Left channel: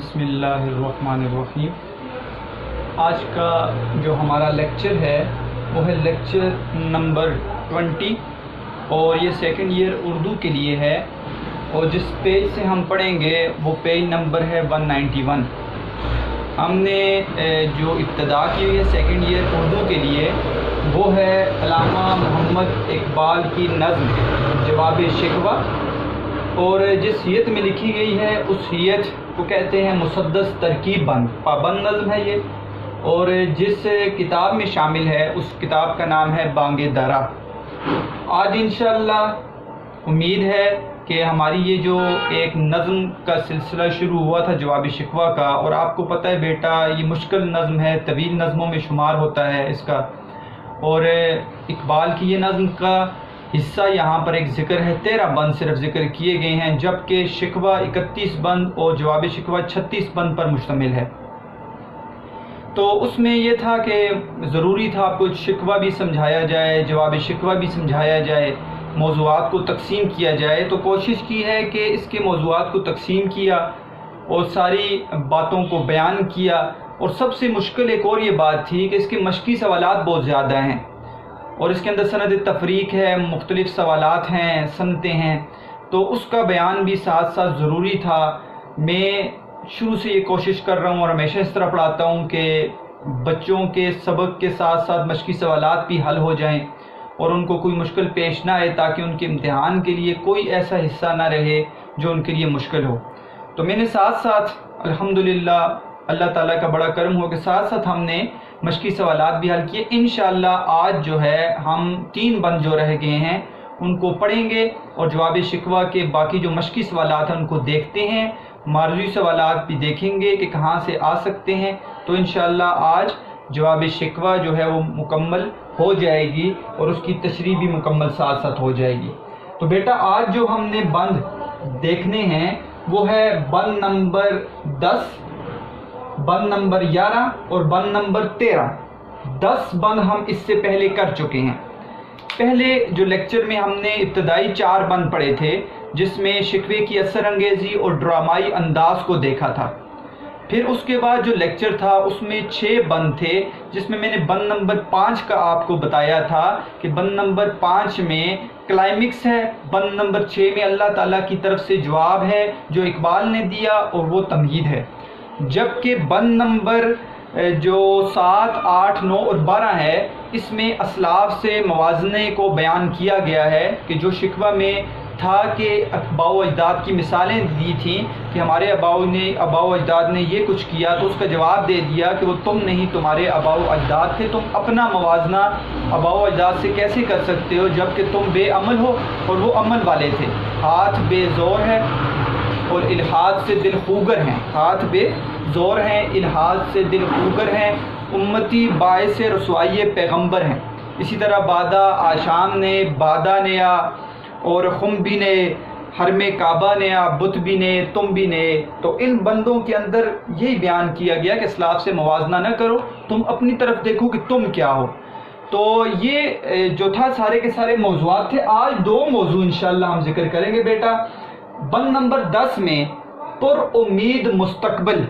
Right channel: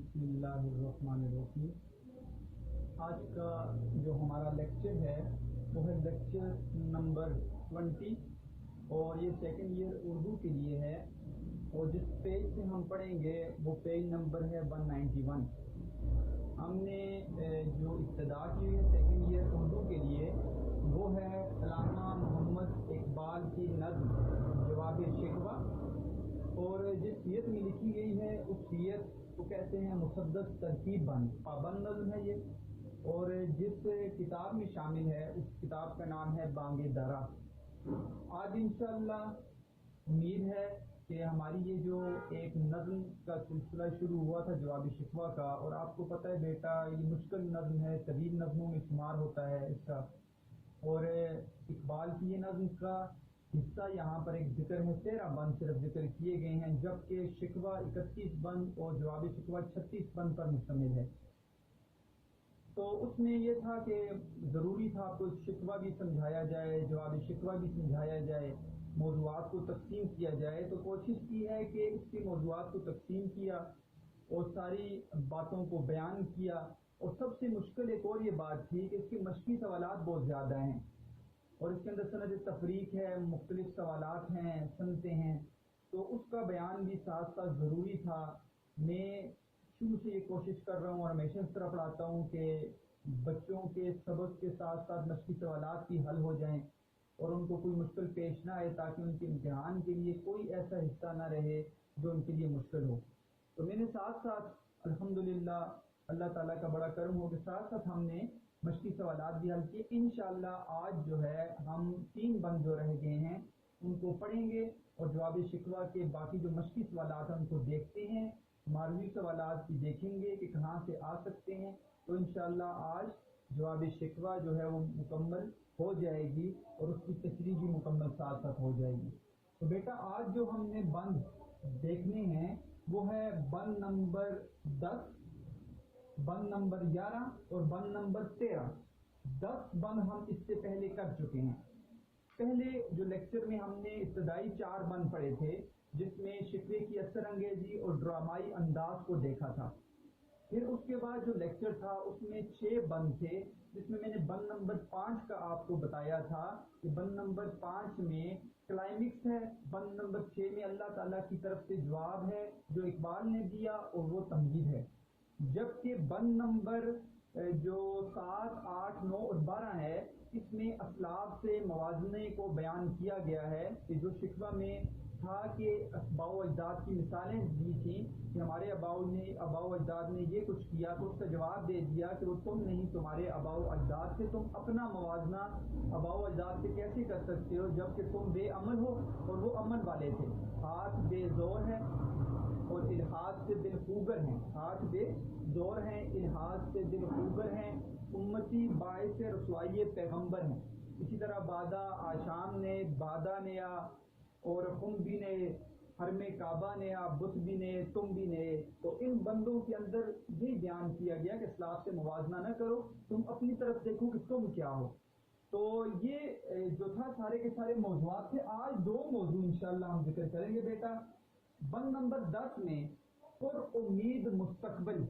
بسم اللہ الرحمن الرحیم۔ آج کا جو ہمارا لیکچر ہے وہ ہے لیکچر نمبر 20 اور یہ سیکنڈ ایئر اردو کے لیے ہے، اور جس پیج سے ہم پڑھیں گے وہ پیج نمبر ہے 191۔ ہم نے جو ابتدا کی ہوئی ہے سیکنڈ ایئر اردو کے لیے وہ ہے علامہ محمد اقبال کی نظم جواب شکوہ، اور جس حیت میں لکھی گئی ہے اس حیت کو کہتے ہیں مسدس ترکیب بند پابند نظم ہے یہ، اور جس کتاب میں شامل ہے اس کتاب کا نام ہے بانگ درا۔ آج انشاءاللہ امید ہے کہ ہماری یہ جو ایک نظم کا سلسلہ شروع ہوا تھا جواب شکوہ کا، اور آپ کو پتہ ہے بیٹا یہ مشکل نظم ہے، طویل نظموں میں شمار ہوتا ہے اس کا، اور اقبال کی یہ نظم کا حصہ یہاں پر ایک ذکر ہے، 13 بند صرف ذکر کیے گئے ہیں، جبکہ شکوہ 31 بند اور جواب شکوہ 36 بند پر مشتمل ہے۔ تو اس میں یہ تھا کہ ضروری تھا آپ کو شکوہ بھی سمجھایا جائے، جواب شکوہ بھی سمجھایا جائے، موضوعات کو تقسیم کیا جائے۔ تو کوشش کی ہے کہ اس کے موضوعات کو تقسیم کیا اور ساری باتوں کو بیان کیا، اور سب سے مشکل ایک اور یہ بات تھی کہ اس کے مشقی سوالات بہت زیادہ ہیں، اور اس کے اندر سند تفریق ہے، مختلف سوالات ہیں، سنتیں ہیں، تو اس کا بیان بھی ساتھ ساتھ ضروری تھا۔ میں شروع سے یہ کوشش کر رہا ہوں اور ہمیشہ اس طرح پڑھاتا ہوں کہ بچوں کے سبق کے ساتھ ساتھ مشقی سوالات بھی حل ہو جائیں اور ان کو کوئی مشکل پیش نہ آئے، تاکہ ان کے امتحان کے لیے کوئی ایسا حصہ نہ رہے جو ان کے لیے مشکل ہو۔ تو میں نے ساتھ ساتھ الحمدللہ اللہ تعالیٰ کا بڑا کرم ہو کہ ساتھ ساتھ ہم نے مشقی سوالات بھی حل کیے۔ انشاءاللہ آج جو ہے ہم 3 بند جو رہ گئے ہیں ان کو پڑھیں گے، اور جواب شکوہ کے باقی جو مشقی سوالات ہیں ان کو دیکھتے ہیں، معرضی سوالات بھی دیکھیں گے کہ کہاں سے آ سکتے ہیں۔ تو انشاءاللہ آج جواب شکوہ جو ہے وہ مکمل ہو جائے گی اور اس کی تشریح بھی مکمل ساتھ ساتھ ہو جائے گی۔ تو بیٹا آج جو ہم نے بند دیکھنے ہیں وہ ہے بند نمبر 10، بند نمبر 11 اور بند نمبر 13۔ 10 بند ہم اس سے پہلے کر چکے ہیں۔ پہلے جو لیکچر میں ہم نے ابتدائی 4 بند پڑھے تھے، جس میں شکوے کی اثر انگیزی اور ڈرامائی انداز کو دیکھا تھا۔ پھر اس کے بعد جو لیکچر تھا اس میں 6 بند تھے، جس میں نے بند نمبر 5 کا آپ کو بتایا تھا کہ بند نمبر 5 میں کلائمکس ہے، بند نمبر 6 میں اللہ تعالیٰ کی طرف سے جواب ہے جو اقبال نے دیا اور وہ تمہید ہے، جبکہ بند نمبر جو 7، 8، 9 اور 12 ہے اس میں اسلاف سے موازنے کو بیان کیا گیا ہے کہ جو شکوہ میں تھا کہ آباء و اجداد کی مثالیں دی تھیں کہ ہمارے آباء و اجداد نے یہ کچھ کیا، تو اس کا جواب دے دیا کہ وہ تم نہیں، تمہارے آباء و اجداد تھے، تم اپنا موازنہ آباء و اجداد سے کیسے کر سکتے ہو جبکہ تم بے عمل ہو اور وہ عمل والے تھے۔ ہاتھ بے زور ہے اور الحاد سے دل خوگر ہیں، ہاتھ بے زور ہیں، الحاد سے دل خوگر ہیں، امتی باعث رسوائی پیغمبر ہیں۔ اسی طرح بادہ آشام نے، بادہ نیا اور خم بھی نے، حرم کعبہ نیا، بت بھی نے، تم بھی نے۔ تو ان بندوں کے اندر یہی بیان کیا گیا کہ اسلاف سے موازنہ نہ کرو، تم اپنی طرف دیکھو کہ تم کیا ہو۔ تو یہ جو تھا سارے کے سارے موضوعات تھے۔ آج 2 موضوع انشاءاللہ ہم ذکر کریں گے بیٹا۔ بند نمبر 10 میں پر امید مستقبل،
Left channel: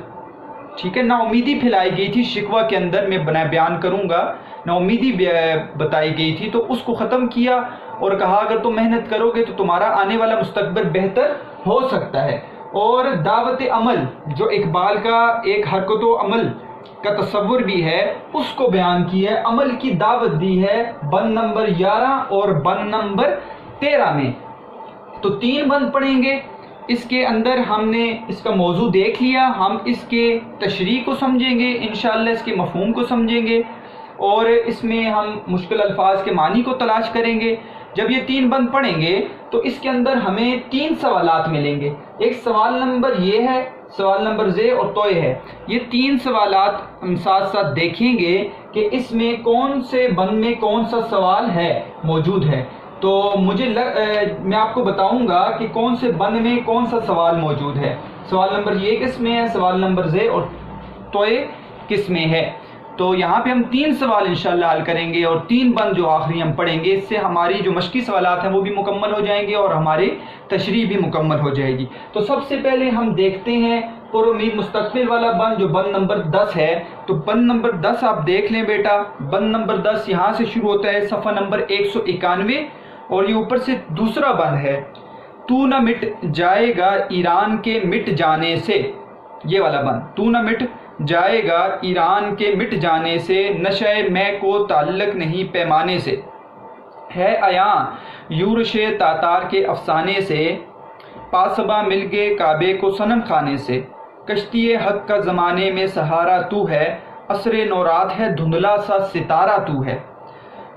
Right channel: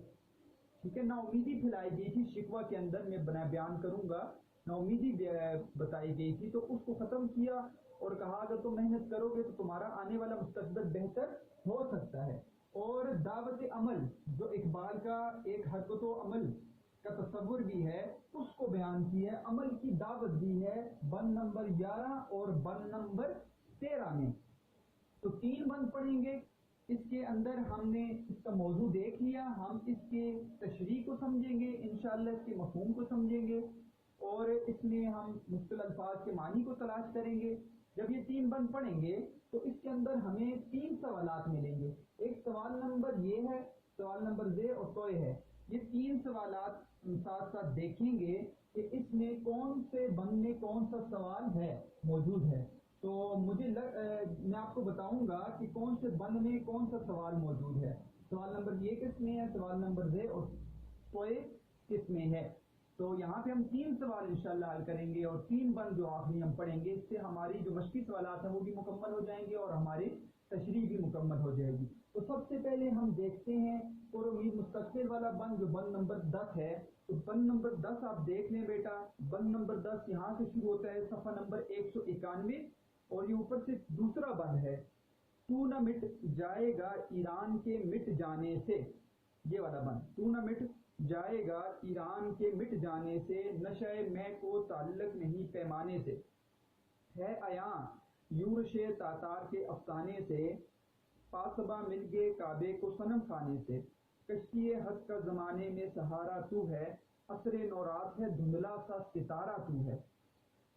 ٹھیک ہے، نا امیدی پھیلائی گئی تھی شکوہ کے اندر، میں بیان کروں گا، نا امیدی بتائی گئی تھی، تو اس کو ختم کیا اور کہا اگر تم محنت کرو گے تو تمہارا آنے والا مستقبل بہتر ہو سکتا ہے۔ اور دعوت عمل جو اقبال کا ایک حرکت و عمل کا تصور بھی ہے اس کو بیان کی ہے، عمل کی دعوت دی ہے بند نمبر 11 اور بند نمبر 13 میں۔ تو 3 بند پڑھیں گے، اس کے اندر ہم نے اس کا موضوع دیکھ لیا، ہم اس کے تشریح کو سمجھیں گے انشاءاللہ، اس کے مفہوم کو سمجھیں گے، اور اس میں ہم مشکل الفاظ کے معنی کو تلاش کریں گے۔ جب یہ 3 بند پڑھیں گے تو اس کے اندر ہمیں 3 سوالات ملیں گے۔ ایک سوال نمبر یہ ہے، سوال نمبر زے اور توئے ہے، یہ 3 سوالات ہم ساتھ ساتھ دیکھیں گے کہ اس میں کون سے بند میں کون سا سوال ہے موجود ہے۔ تو میں آپ کو بتاؤں گا کہ کون سے بند میں کون سا سوال موجود ہے۔ سوال نمبر یہ کس میں ہے، سوال نمبر زے اور توئے کس میں ہے۔ تو یہاں پہ ہم 3 سوال انشاءاللہ حل کریں گے، اور 3 بند جو آخری ہم پڑھیں گے، اس سے ہماری جو مشقی سوالات ہیں وہ بھی مکمل ہو جائیں گے اور ہماری تشریح بھی مکمل ہو جائے گی۔ تو سب سے پہلے ہم دیکھتے ہیں پر امید مستقبل والا بند، جو بند نمبر 10 ہے۔ تو بند نمبر 10 آپ دیکھ لیں بیٹا، بند نمبر 10 یہاں سے شروع ہوتا ہے، صفحہ نمبر 191، اور یہ اوپر سے دوسرا بند ہے، تو نہ مٹ جائے گا ایران کے مٹ جانے سے، یہ والا بند، تو نہ مٹ جائے گا ایران کے مٹ جانے سے، نشہ میں کو تعلق نہیں پیمانے سے، ہے عیاں یورش تاتار کے افسانے سے، پاسباں مل گئے کعبے کو صنم خانے سے، کشتی حق کا زمانے میں سہارا تو ہے، عصر نورات ہے دھندلا سا ستارہ تو ہے۔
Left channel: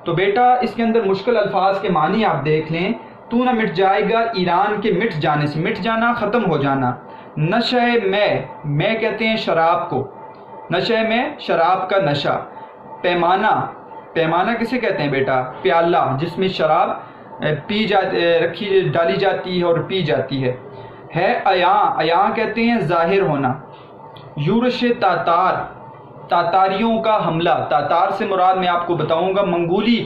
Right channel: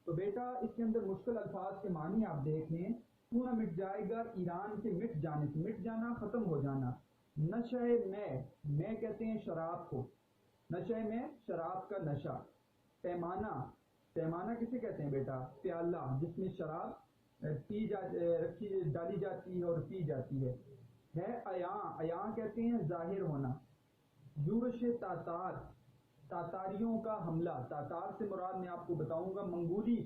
تو بیٹا اس کے اندر مشکل الفاظ کے معنی آپ دیکھ لیں۔ تو نہ مٹ جائے گا ایران کے مٹ جانے سے، مٹ جانا ختم ہو جانا، نشہ میں کہتے ہیں شراب کو، نشہ میں شراب کا نشہ، پیمانہ کسے کہتے ہیں بیٹا؟ پیالہ جس میں شراب ڈالی جاتی ہے اور پی جاتی ہے عیاں کہتے ہیں ظاہر ہونا، یورش تاتاریوں کا حملہ، تاتار سے مراد میں آپ کو بتاؤں گا منگولی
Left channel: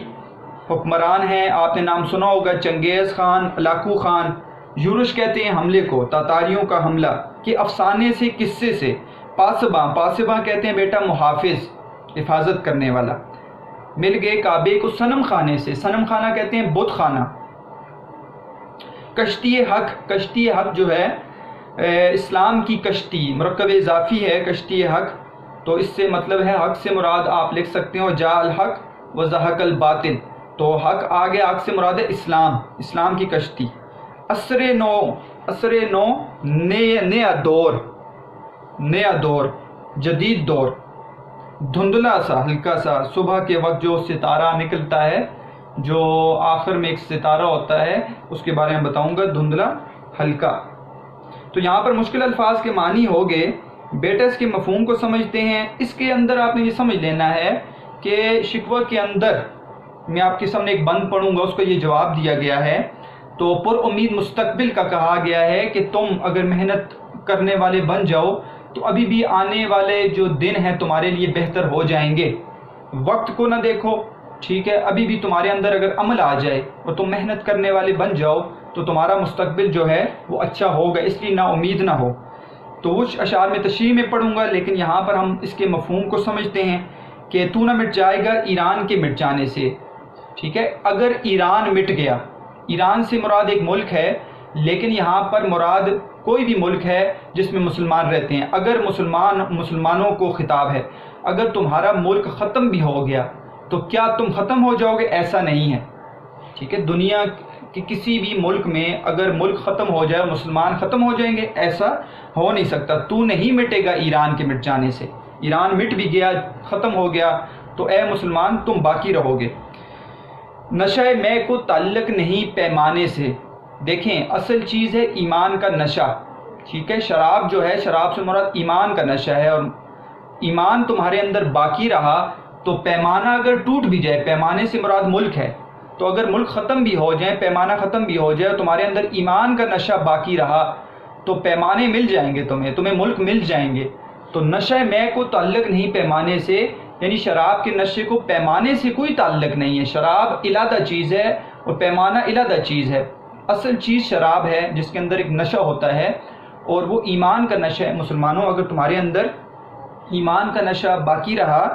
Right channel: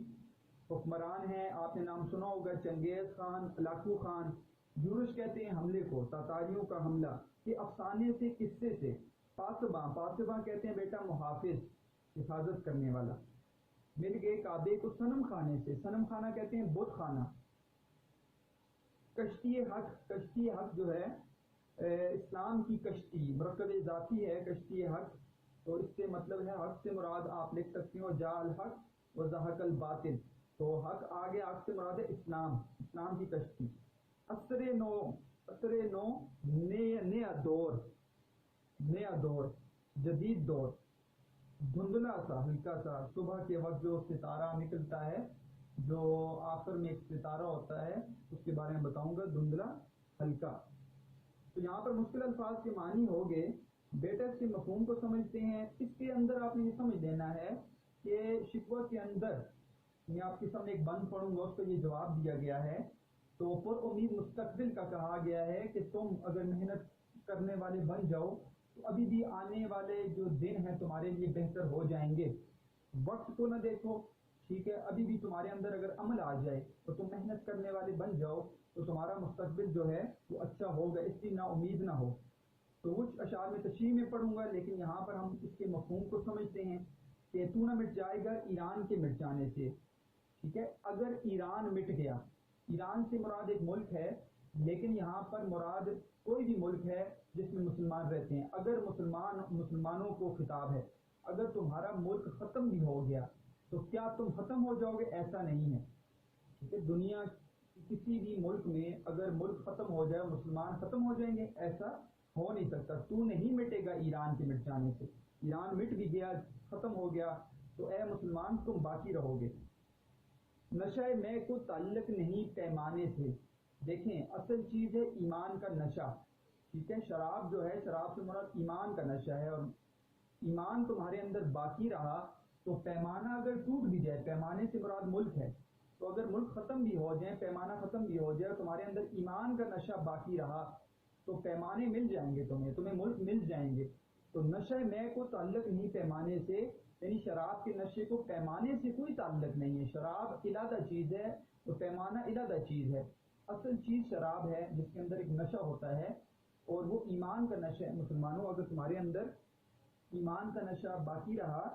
حکمران ہیں، آپ نے نام سنا ہوگا چنگیز خان، ہلاکو خان۔ یورش کہتے ہیں حملے کو، تاتاریوں کا حملہ کے افسانے سے، قصے سے، پاسباں کہتے ہیں بیٹا محافظ، حفاظت کرنے والا، مل گئے کعبے کو صنم خانے سے، صنم خانہ کہتے ہیں بت خانہ، کشتی حق جو ہے اسلام کی کشتی، مرکب اضافی ہے کشتی حق، تو اس سے مطلب ہے حق سے مراد آپ لکھ سکتے ہو جاء الحق و زہق الباطل، تو حق آگے، حق سے مراد ہے اسلام کی کشتی، عصر نو نیا دور، جدید دور، دھندلا سا، ہلکا سا، صبح کے وقت جو ستارہ نکلتا ہے، جو آخر میں ایک ستارہ ہوتا ہے، اس کے بارے میں بتاؤں گا، دھندلا، ہلکا۔ تو یہاں پر مشکل الفاظ کے معنی ہو گئے بیٹا، اس کے مفہوم کو سمجھتے ہیں۔ اس کے اندر آپ نے یہ سمجھ لینا ہے کہ شکوہ کے اندر میں آپ کے سامنے ایک بند پڑھوں گا، اس کو یہ جواب دیا گیا ہے، تو پر امید مستقبل کا کہا گیا ہے کہ تم اگر محنت کرنے والے بن جاؤ تو ابھی بھی آنے والے جو دن ہیں تمہارے لیے بہتر ہو جائیں گے، وقت کو نہ دیکھو، ٹھیک ہے، ابھی بھی تمہارے اندر اگر عمل آ جائے اور تم محنت کرنے والے بن جاؤ تو تمہارا مستقبل جو ہے وہ اچھا ہوگا، اس لیے نا امید نہ ہو۔ تو وہ اشعار میں تشریح میں پڑھوں گا، لیکن یہاں پر ہم اس کے مفہوم کو سمجھتے ہیں کہ تو نہ مٹ جائے گا ایران کے مٹ جانے سے، ٹھیک ہے، اگر ایران مٹ گیا، ایران سے مراد ایک ملک ہے، لیکن یہاں پر مراد کوئی بھی ملک ہے جس میں مسلمان رہتے ہیں، اگر مسلمانوں کو خطاب ہے، اگر تمہارا ملک ختم بھی ہو گیا تو کیا تم ختم ہو جاؤ گے؟ ایسا نہیں ہے، ٹھیک ہے، دنیا کہ کسی بھی ملک میں اگر ملک ختم ہو جائے مسلمان ختم ہو جائیں گے، ایسا ہو نہیں سکتا۔ تو نہیں مٹے گا ایران کے مٹ جانے سے، ایران مٹ بھی گیا، ختم ہو گیا، تو اے مسلمان تم باقی رہو گے۔ نشہ میں کو تعلق نہیں پیمانے سے، دیکھیں اصل چیز ہے ایمان کا نشہ، ٹھیک ہے، شراب جو ہے، شراب سے مراد ایمان کا نشہ ہے، اور ایمان تمہارے اندر باقی رہا تو پیمانہ اگر ٹوٹ بھی جائے، پیمانے سے مراد ملک ہے، تو اگر ملک ختم بھی ہو جائے، پیمانہ ختم بھی ہو جائے، تمہارے اندر ایمان کا نشہ باقی رہا تو پیمانے مل جائیں گے، تمہیں ملک مل جائیں گے۔ تو نشہ میں کو تعلق نہیں پیمانے سے، یعنی شراب کے نشے کو پیمانے سے کوئی تعلق نہیں ہے، شراب علیحدہ چیز ہے اور پیمانہ علیحدہ چیز ہے، اصل چیز شراب ہے جس کے اندر ایک نشہ ہوتا ہے، اور وہ ایمان کا نشہ ہے۔ مسلمانوں اگر تمہارے اندر ایمان کا نشہ باقی رہا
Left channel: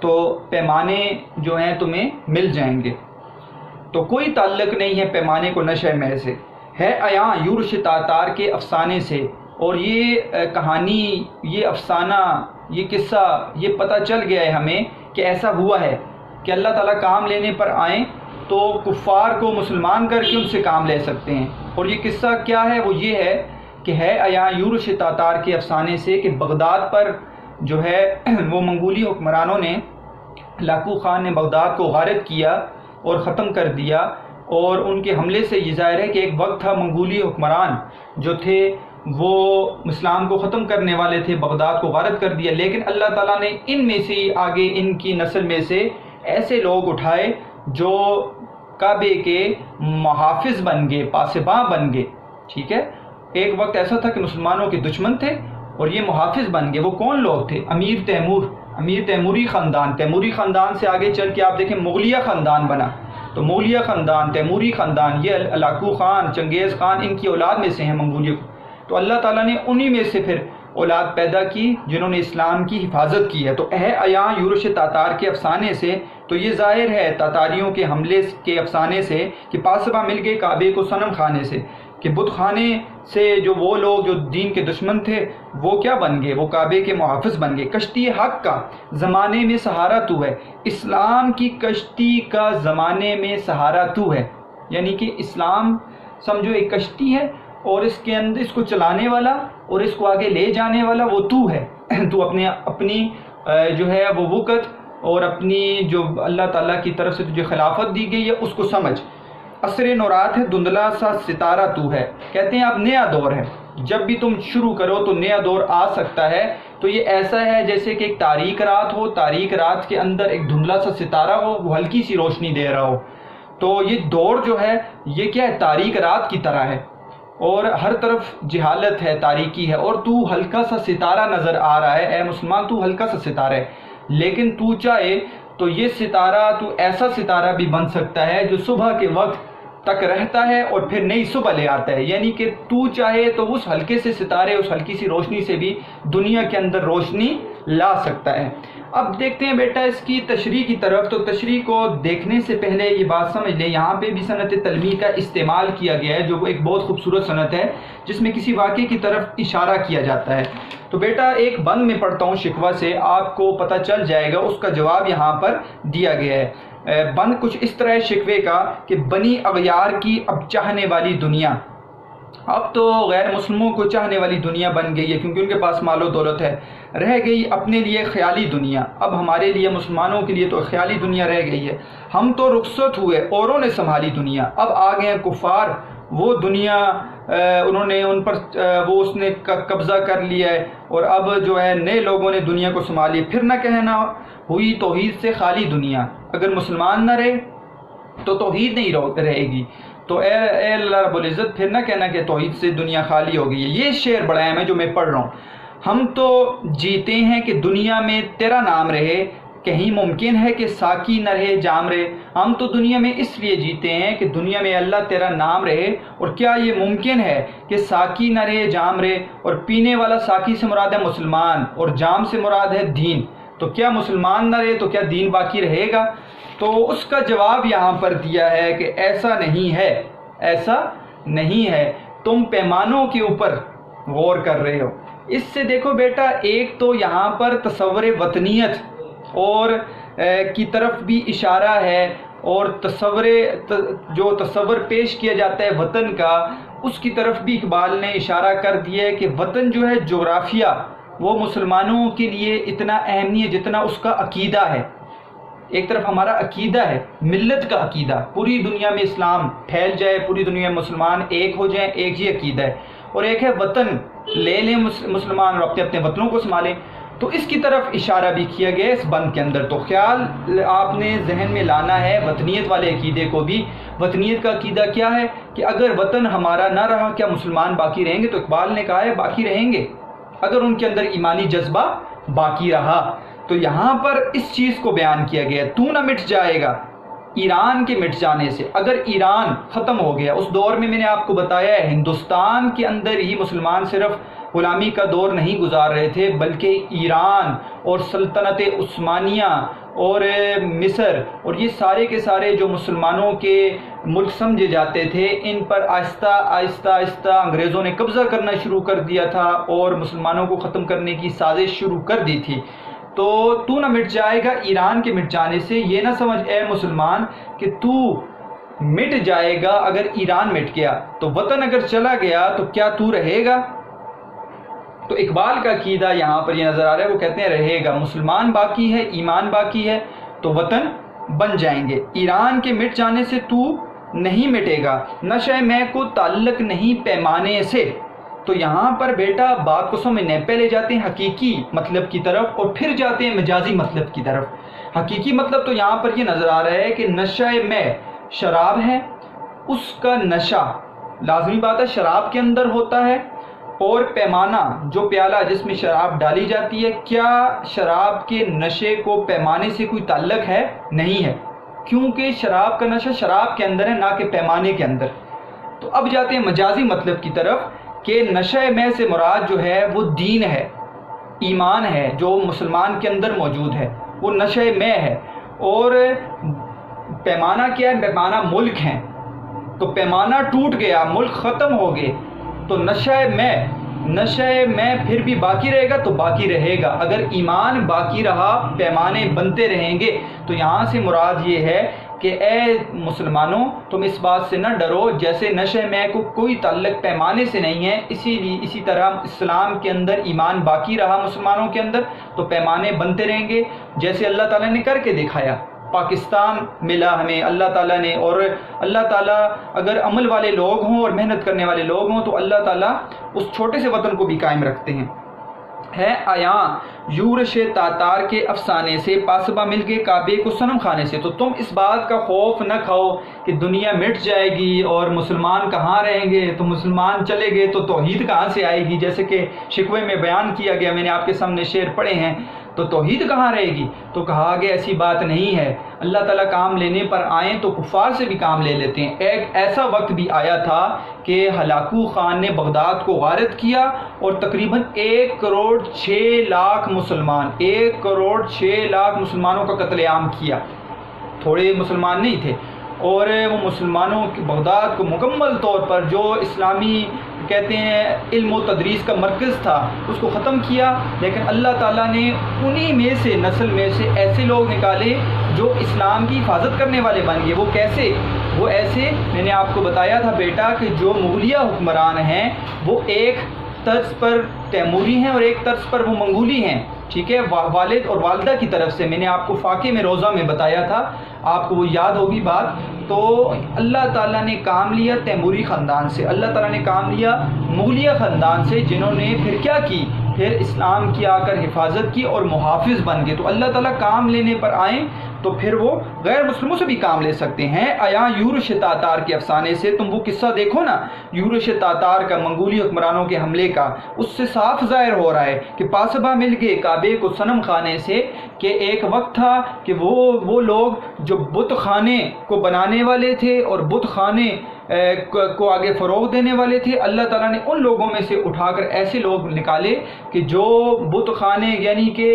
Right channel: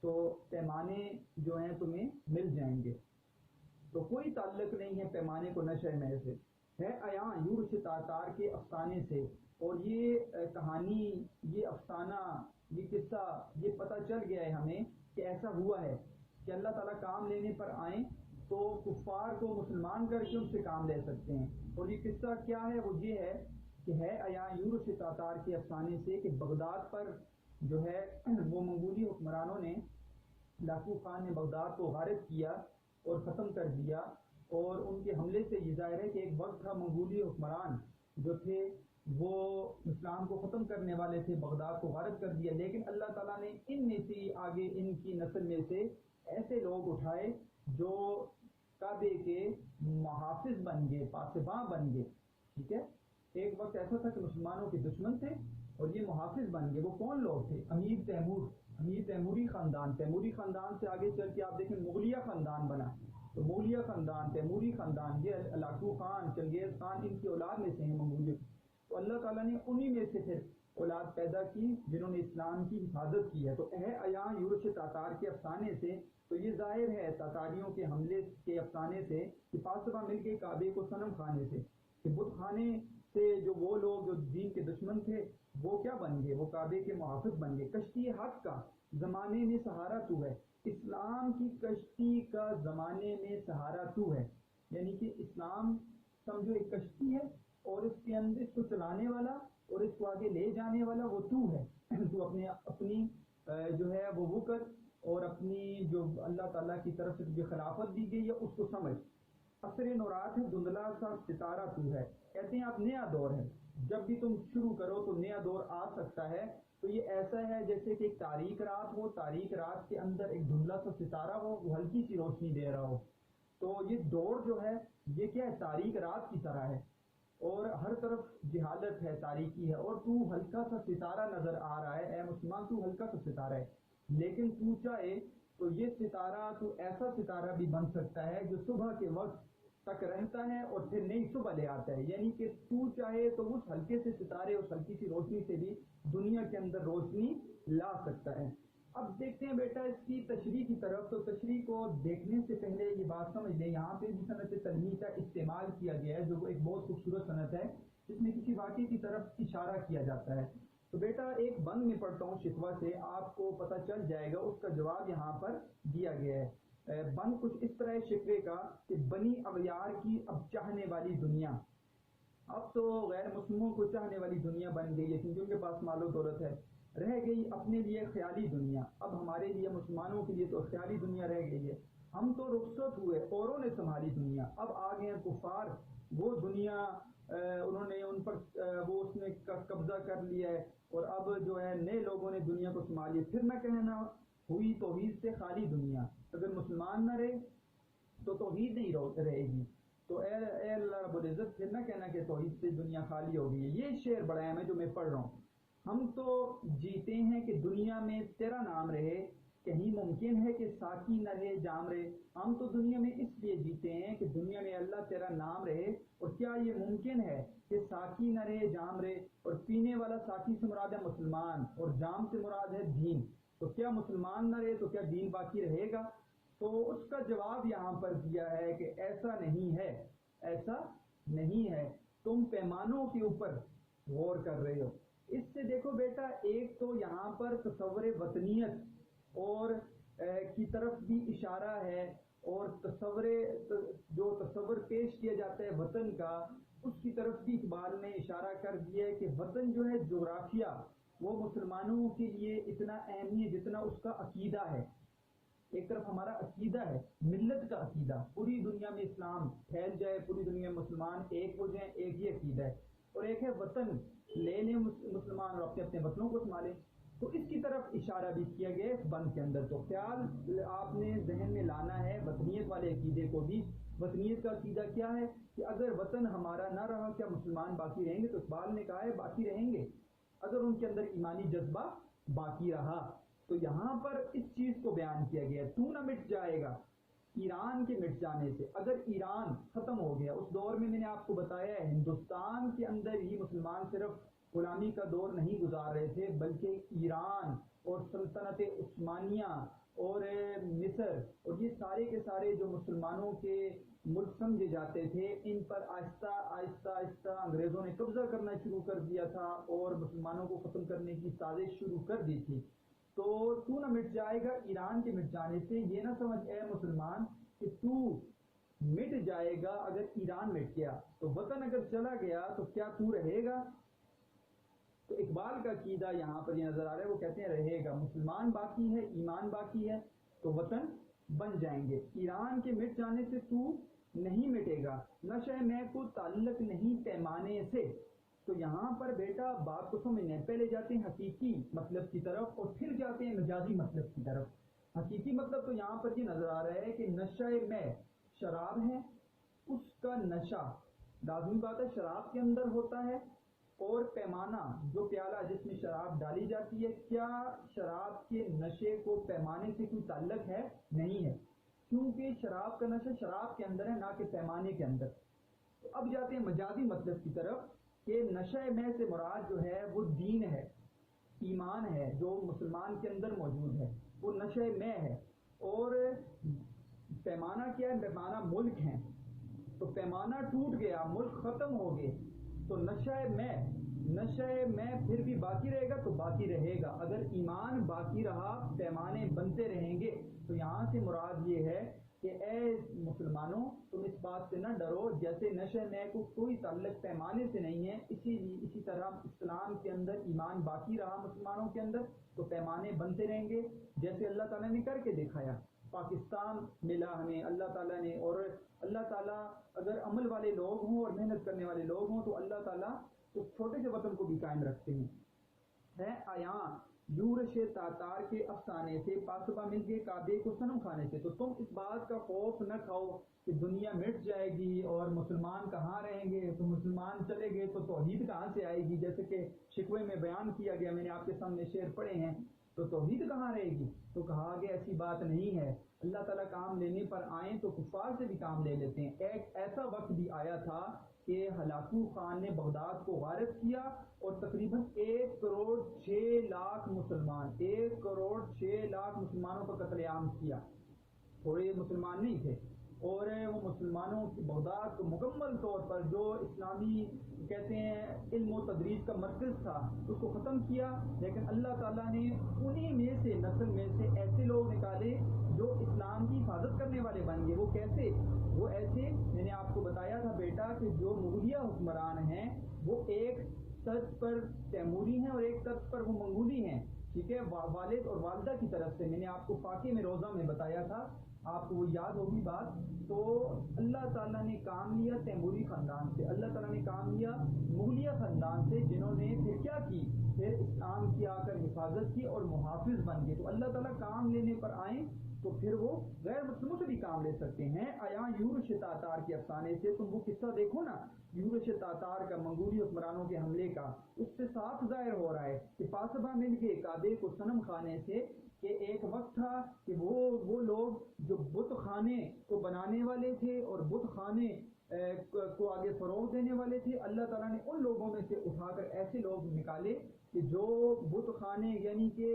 تو پیمانے جو ہیں تمہیں مل جائیں گے، تو کوئی تعلق نہیں ہے پیمانے کو نشہ میں سے، ہے عیاں یورش تاتار کے افسانے سے۔ اور یہ کہانی، یہ افسانہ، یہ قصہ، یہ پتہ چل گیا ہے ہمیں کہ ایسا ہوا ہے کہ اللہ تعالیٰ کام لینے پر آئیں تو کفار کو مسلمان کر کے ان سے کام لے سکتے ہیں۔ اور یہ قصہ کیا ہے؟ وہ یہ ہے کہ ہے عیاں یورش تاتار کے افسانے سے کہ بغداد پر جو ہے وہ منگولی حکمرانوں نے، ہلاکو خان نے بغداد کو غارت کیا اور ختم کر دیا، اور ان کے حملے سے یہ ظاہر ہے کہ ایک وقت تھا منگولی حکمران جو تھے وہ اسلام کو ختم کرنے والے تھے، بغداد کو غارت کر دیا، لیکن اللہ تعالیٰ نے ان میں سے آگے ان کی نسل میں سے ایسے لوگ اٹھائے جو کعبے کے محافظ بن گئے، پاسباں بن گئے، ٹھیک ہے۔ ایک وقت ایسا تھا کہ مسلمانوں کے دشمن تھے اور یہ محافظ بن گئے۔ وہ کون لوگ تھے؟ امیر تیمور، امیر تیموری خاندان، تیموری خاندان سے آگے چل کے آپ دیکھیں مغلیہ خاندان بنا، تو مغلیہ خاندان، تیموری خاندان، یہ علاقو خان، چنگیز خان، ان کی اولاد میں سے ہیں منگولیہ، تو اللہ تعالیٰ نے انہی میں سے پھر اولاد پیدا کی جنہوں نے اسلام کی حفاظت کی ہے۔ تو عیاں یورش تاتار کے افسانے سے تو یہ ظاہر ہے، تاتاریوں کے حملے کے افسانے سے، کہ پاسباں مل گئے کعبے کو صنم خانے سے، کہ بت خانے سے جو وہ لوگ جو دین کے دشمن تھے وہ کیا بن گئے؟ وہ کعبے کے محافظ بن گئے۔ کشتی حق کا زمانے میں سہارا تو ہے، اسلام کی کشتی کا زمانے میں سہارا تو ہے، یعنی کہ اسلام سمجھو ایک کشتی ہے اور اس کے اندر اس کو چلانے والا اور اس کو آگے لے جانے والا وہ تو ہے۔ تو اپنی جو ہے وہ وقت اور اپنی جو اللہ تعالیٰ کی طرف سے جو خلافت دی گئی ہے اس کو سمجھ۔ عصر نورات ہے دھندلا سا ستارہ تو ہے، کہتے ہیں اب نیا دور ہے، جب بھی تم شروع کرو تو نیا دور آ سکتا ہے۔ تو یہ ایسا ہے جیسے کہ ایک تاریک رات ہو، تاریک رات کے اندر ایک دھندلا سا ستارہ ہو، وہ ہلکی سی روشنی دے رہا ہو۔ تو یہ دور جو ہے یہ کیا ہے؟ تاریک رات کی طرح ہے، اور ہر طرف جہالت ہے، تاریکی ہے، اور تو ہلکا سا ستارہ نظر آ رہا ہے۔ اے مسلمان تو ہلکا سا ستارہ ہے، لیکن تو چاہے تو یہ ستارہ تو ایسا ستارہ بھی بن سکتا ہے جو صبح کے وقت تک رہتا ہے اور پھر نئی صبح لے آتا ہے، یعنی کہ تو چاہے تو اس ہلکے سے ستارے، اس ہلکی سی روشنی سے بھی دنیا کے اندر روشنی لا سکتا ہے۔ اب دیکھتے ہیں بیٹا اس کی تشریح کی طرف۔ تو تشریح کو دیکھنے سے پہلے یہ بات سمجھ لیں، یہاں پہ بھی صنعت تلمیح کا استعمال کیا گیا ہے، جو ایک بہت خوبصورت صنعت ہے جس میں کسی واقعے کی طرف اشارہ کیا جاتا ہے۔ تو بیٹا ایک بند میں پڑھتا ہوں شکوہ سے، آپ کو پتہ چل جائے گا، اس کا جواب یہاں پر دیا گیا ہے۔ بند کچھ اس طرح ہے شکوے کا کہ بنی اغیار کی اب چاہنے والی دنیا، اب تو غیر مسلموں کو چاہنے والی دنیا بن گئی ہے کیونکہ ان کے پاس مال و دولت ہے، رہ گئی اپنے لیے خیالی دنیا۔ اب ہمارے لیے مسلمانوں کے لیے تو خیالی دنیا رہ گئی ہے، ہم تو رخصت ہوئے، اوروں نے سنبھالی دنیا، اب آ گئے ہیں کفار، وہ دنیا انہوں نے ان پر وہ اس نے قبضہ کر لیا ہے، اور اب جو ہے نئے لوگوں نے دنیا کو سنبھالی۔ پھر نہ کہنا ہوئی توحید سے خالی دنیا، اگر مسلمان نہ رہے تو توحید نہیں رہے گی، تو اے اللہ رب العزت پھر نہ کہنا کہ توحید سے دنیا خالی ہو گئی ہے۔ یہ شعر بڑا اہم ہے جو میں پڑھ رہا ہوں۔ ہم تو جیتے ہیں کہ دنیا میں تیرا نام رہے، کہیں ممکن ہے کہ ساقی نہ رہے جام رہے۔ ہم تو دنیا میں اس لیے جیتے ہیں کہ دنیا میں اللہ تیرا نام رہے، اور کیا یہ ممکن ہے کہ ساقی نہ رہے جام رہے؟ اور پینے والا ساقی سے مراد ہے مسلمان، اور جام سے مراد ہے دین، تو کیا مسلمان نہ رہے تو کیا دین باقی رہے گا؟ تو اس کا جواب یہاں پر دیا ہے کہ ایسا نہیں ہے، ایسا نہیں ہے، تم پیمانوں کے اوپر غور کر رہے ہو۔ اس سے دیکھو بیٹا، ایک تو یہاں پر تصور وطنیت اور کی طرف بھی اشارہ ہے، اور جو تصور پیش کیا جاتا ہے وطن کا، اس کی طرف بھی اقبال نے اشارہ کر دیا ہے کہ وطن جو ہے جغرافیہ، وہ مسلمانوں کے لیے اتنا اہم نہیں ہے جتنا اس کا عقیدہ ہے۔ ایک طرف ہمارا عقیدہ ہے، ملت کا عقیدہ، پوری دنیا میں اسلام پھیل جائے، پوری دنیا میں مسلمان ایک ہو جائیں، ایک ہی عقیدہ ہے، اور ایک ہے وطن لے لیں مسلمان اور اپنے اپنے وطنوں کو سنبھالیں۔ تو اس کی طرف اشارہ بھی کیا گیا اس بند کے اندر۔ تو خیال آپ نے ذہن میں لانا ہے وطنیت والے عقیدے کو بھی۔ وطنیت کا عقیدہ کیا ہے کہ اگر وطن ہمارا نہ رہا کیا مسلمان باقی رہیں گے؟ تو اقبال نے کہا ہے باقی رہیں گے اگر ان کے اندر ایمانی جذبہ باقی رہا۔ تو یہاں پر اس چیز کو بیان کیا گیا، تو نہ مٹ جائے گا ایران کے مٹ جانے سے۔ اگر ایران ختم ہو گیا، اس دور میں نے آپ کو بتایا ہے ہندوستان کے اندر ہی مسلمان صرف غلامی کا دور نہیں گزار رہے تھے، بلکہ ایران اور سلطنت عثمانیہ اور مصر اور یہ سارے کے سارے جو مسلمانوں کے ملک سمجھے جاتے تھے، ان پر آہستہ آہستہ آہستہ انگریزوں نے قبضہ کرنا شروع کر دیا تھا اور مسلمانوں کو ختم کرنے کی سازش شروع کر دی تھی۔ تو نہ مٹ جائے گا ایران کے مٹ جانے سے، یہ نہ سمجھ اے مسلمان کہ تو مٹ جائے گا اگر ایران مٹ گیا، تو وطن اگر چلا گیا تو کیا تو رہے گا؟ تو اقبال کا عقیدہ یہاں پر یہ نظر آ رہا ہے، وہ کہتے ہیں رہے گا، مسلمان باقی ہے، ایمان باقی ہے تو وطن بن جائیں گے، ایران کے مٹ جانے سے تو نہیں مٹے گا، نشہ میں کو تعلق نہیں پیمانے سے۔ تو یہاں پر بیٹا بات کو سمجھنے پہلے جاتے ہیں حقیقی مطلب کی طرف اور پھر جاتے ہیں مجازی مطلب کی طرف۔ حقیقی مطلب تو یہاں پر یہ نظر آ رہا ہے کہ نشہ میں شراب ہے، اس کا نشہ لازمی بات ہے شراب کے اندر ہوتا ہے، اور پیمانہ جو پیالہ جس میں شراب ڈالی جاتی ہے، کیا شراب کے نشے کو پیمانے سے کوئی تعلق ہے؟ نہیں ہے، کیونکہ شراب کا نشہ شراب کے اندر ہے، نہ کہ پیمانے کے اندر۔ تو اب جاتے ہیں مجازی مطلب کی طرف کہ نشہ میں سے مراد جو ہے وہ دین ہے، ایمان ہے، جو مسلمان کے اندر موجود ہے، وہ نشہ میں ہے۔ اور پیمانہ کیا ہے؟ پیمانہ ملک ہیں، تو پیمانہ ٹوٹ گیا، ملک ختم ہو گئے، تو نشہ میں پھر بھی باقی رہے گا تو باقی رہے گا۔ اگر ایمان باقی رہا، پیمانے بنتے رہیں گے۔ تو یہاں سے مراد یہ ہے کہ اے مسلمانوں، تم اس بات سے نہ ڈرو، جیسے نشہ میں کو کوئی تعلق پیمانے سے نہیں ہے، اسی طرح اسلام کے اندر ایمان باقی رہا مسلمانوں کے اندر تو پیمانے بنتے رہیں گے، جیسے اللہ تعالیٰ نے کر کے دکھایا۔ پاکستان ملا ہمیں اللہ تعالیٰ نے، اور اللہ تعالیٰ اگر عمل والے لوگ ہوں اور محنت کرنے والے لوگ ہوں تو اللہ تعالیٰ اس چھوٹے سے وطن کو بھی قائم رکھتے ہیں۔ ہے آیاں یورش تاتار کے افسانے سے، پاسبہ مل کے کعبے کو صنم خانے سے۔ تو تم اس بات کا خوف نہ کھاؤ کہ دنیا مٹ جائے گی اور مسلمان کہاں رہیں گے، تو مسلمان چلے گئے تو توحید کہاں سے آئے گی، جیسے کہ شکوے میں بیان کیا گیا، میں نے آپ کے سامنے شعر پڑھے ہیں، تو توحید کہاں رہے گی؟ تو کہا گیا ایسی بات نہیں ہے، اللہ تعالیٰ کام لینے پر آئیں تو کفار سے بھی کام لے لیتے ہیں۔ ایک ایسا وقت بھی آیا تھا کہ ہلاکو خان نے بغداد کو غارت کیا اور تقریباً 1,06,00,000 مسلمان، 1,06,00,000 مسلمانوں کا قتل عام کیا، تھوڑے مسلمان نہیں تھے، اور وہ مسلمانوں کی بغداد کو مکمل طور پر جو اسلامی کہتے ہیں علم و تدریس کا مرکز تھا اس کو ختم کیا۔ لیکن اللہ تعالیٰ نے انہی میں سے نسل میں سے ایسے لوگ نکالے جو اسلام کی حفاظت کرنے والے بن گئے۔ وہ کیسے؟ وہ ایسے، میں نے آپ کو بتایا تھا بیٹا کہ جو مغلیہ حکمران ہیں وہ ایک طرز پر تیموری ہیں اور ایک طرز پر وہ منگولی ہیں، ٹھیک ہے، والد اور والدہ کی طرف سے۔ میں نے آپ کو فاقے میں روزہ میں بتایا تھا، آپ کو وہ یاد ہوگی بات۔ تو اللہ تعالیٰ نے کام لیا تیموری خاندان سے، اللہ تعالیٰ نے کام لیا مغلیہ خاندان سے، جنہوں نے پھر کیا کی، پھر اسلام کی آ کر حفاظت کی اور محافظ بن گئے۔ تو اللہ تعالیٰ کام لینے پر آئیں تو پھر وہ غیر مسلموں سے بھی کام لے سکتے ہیں۔ آیا یورش تاتار کے افسانے سے، تم وہ قصہ دیکھو نا یورش تاتار کا، منگولی حکمرانوں کے حملے کا، اس سے صاف ظاہر ہو رہا ہے کہ پاسبہ مل گئے کعبے کو صنم خانے سے، کہ ایک وقت تھا کہ وہ لوگ جو بت خانے کو بنانے والے تھے اور بت خانے کو آگے فروغ دینے والے تھے، اللہ تعالیٰ نے ان لوگوں میں سے اٹھا کر ایسے لوگ نکالے کہ جو بت خانے یعنی کہ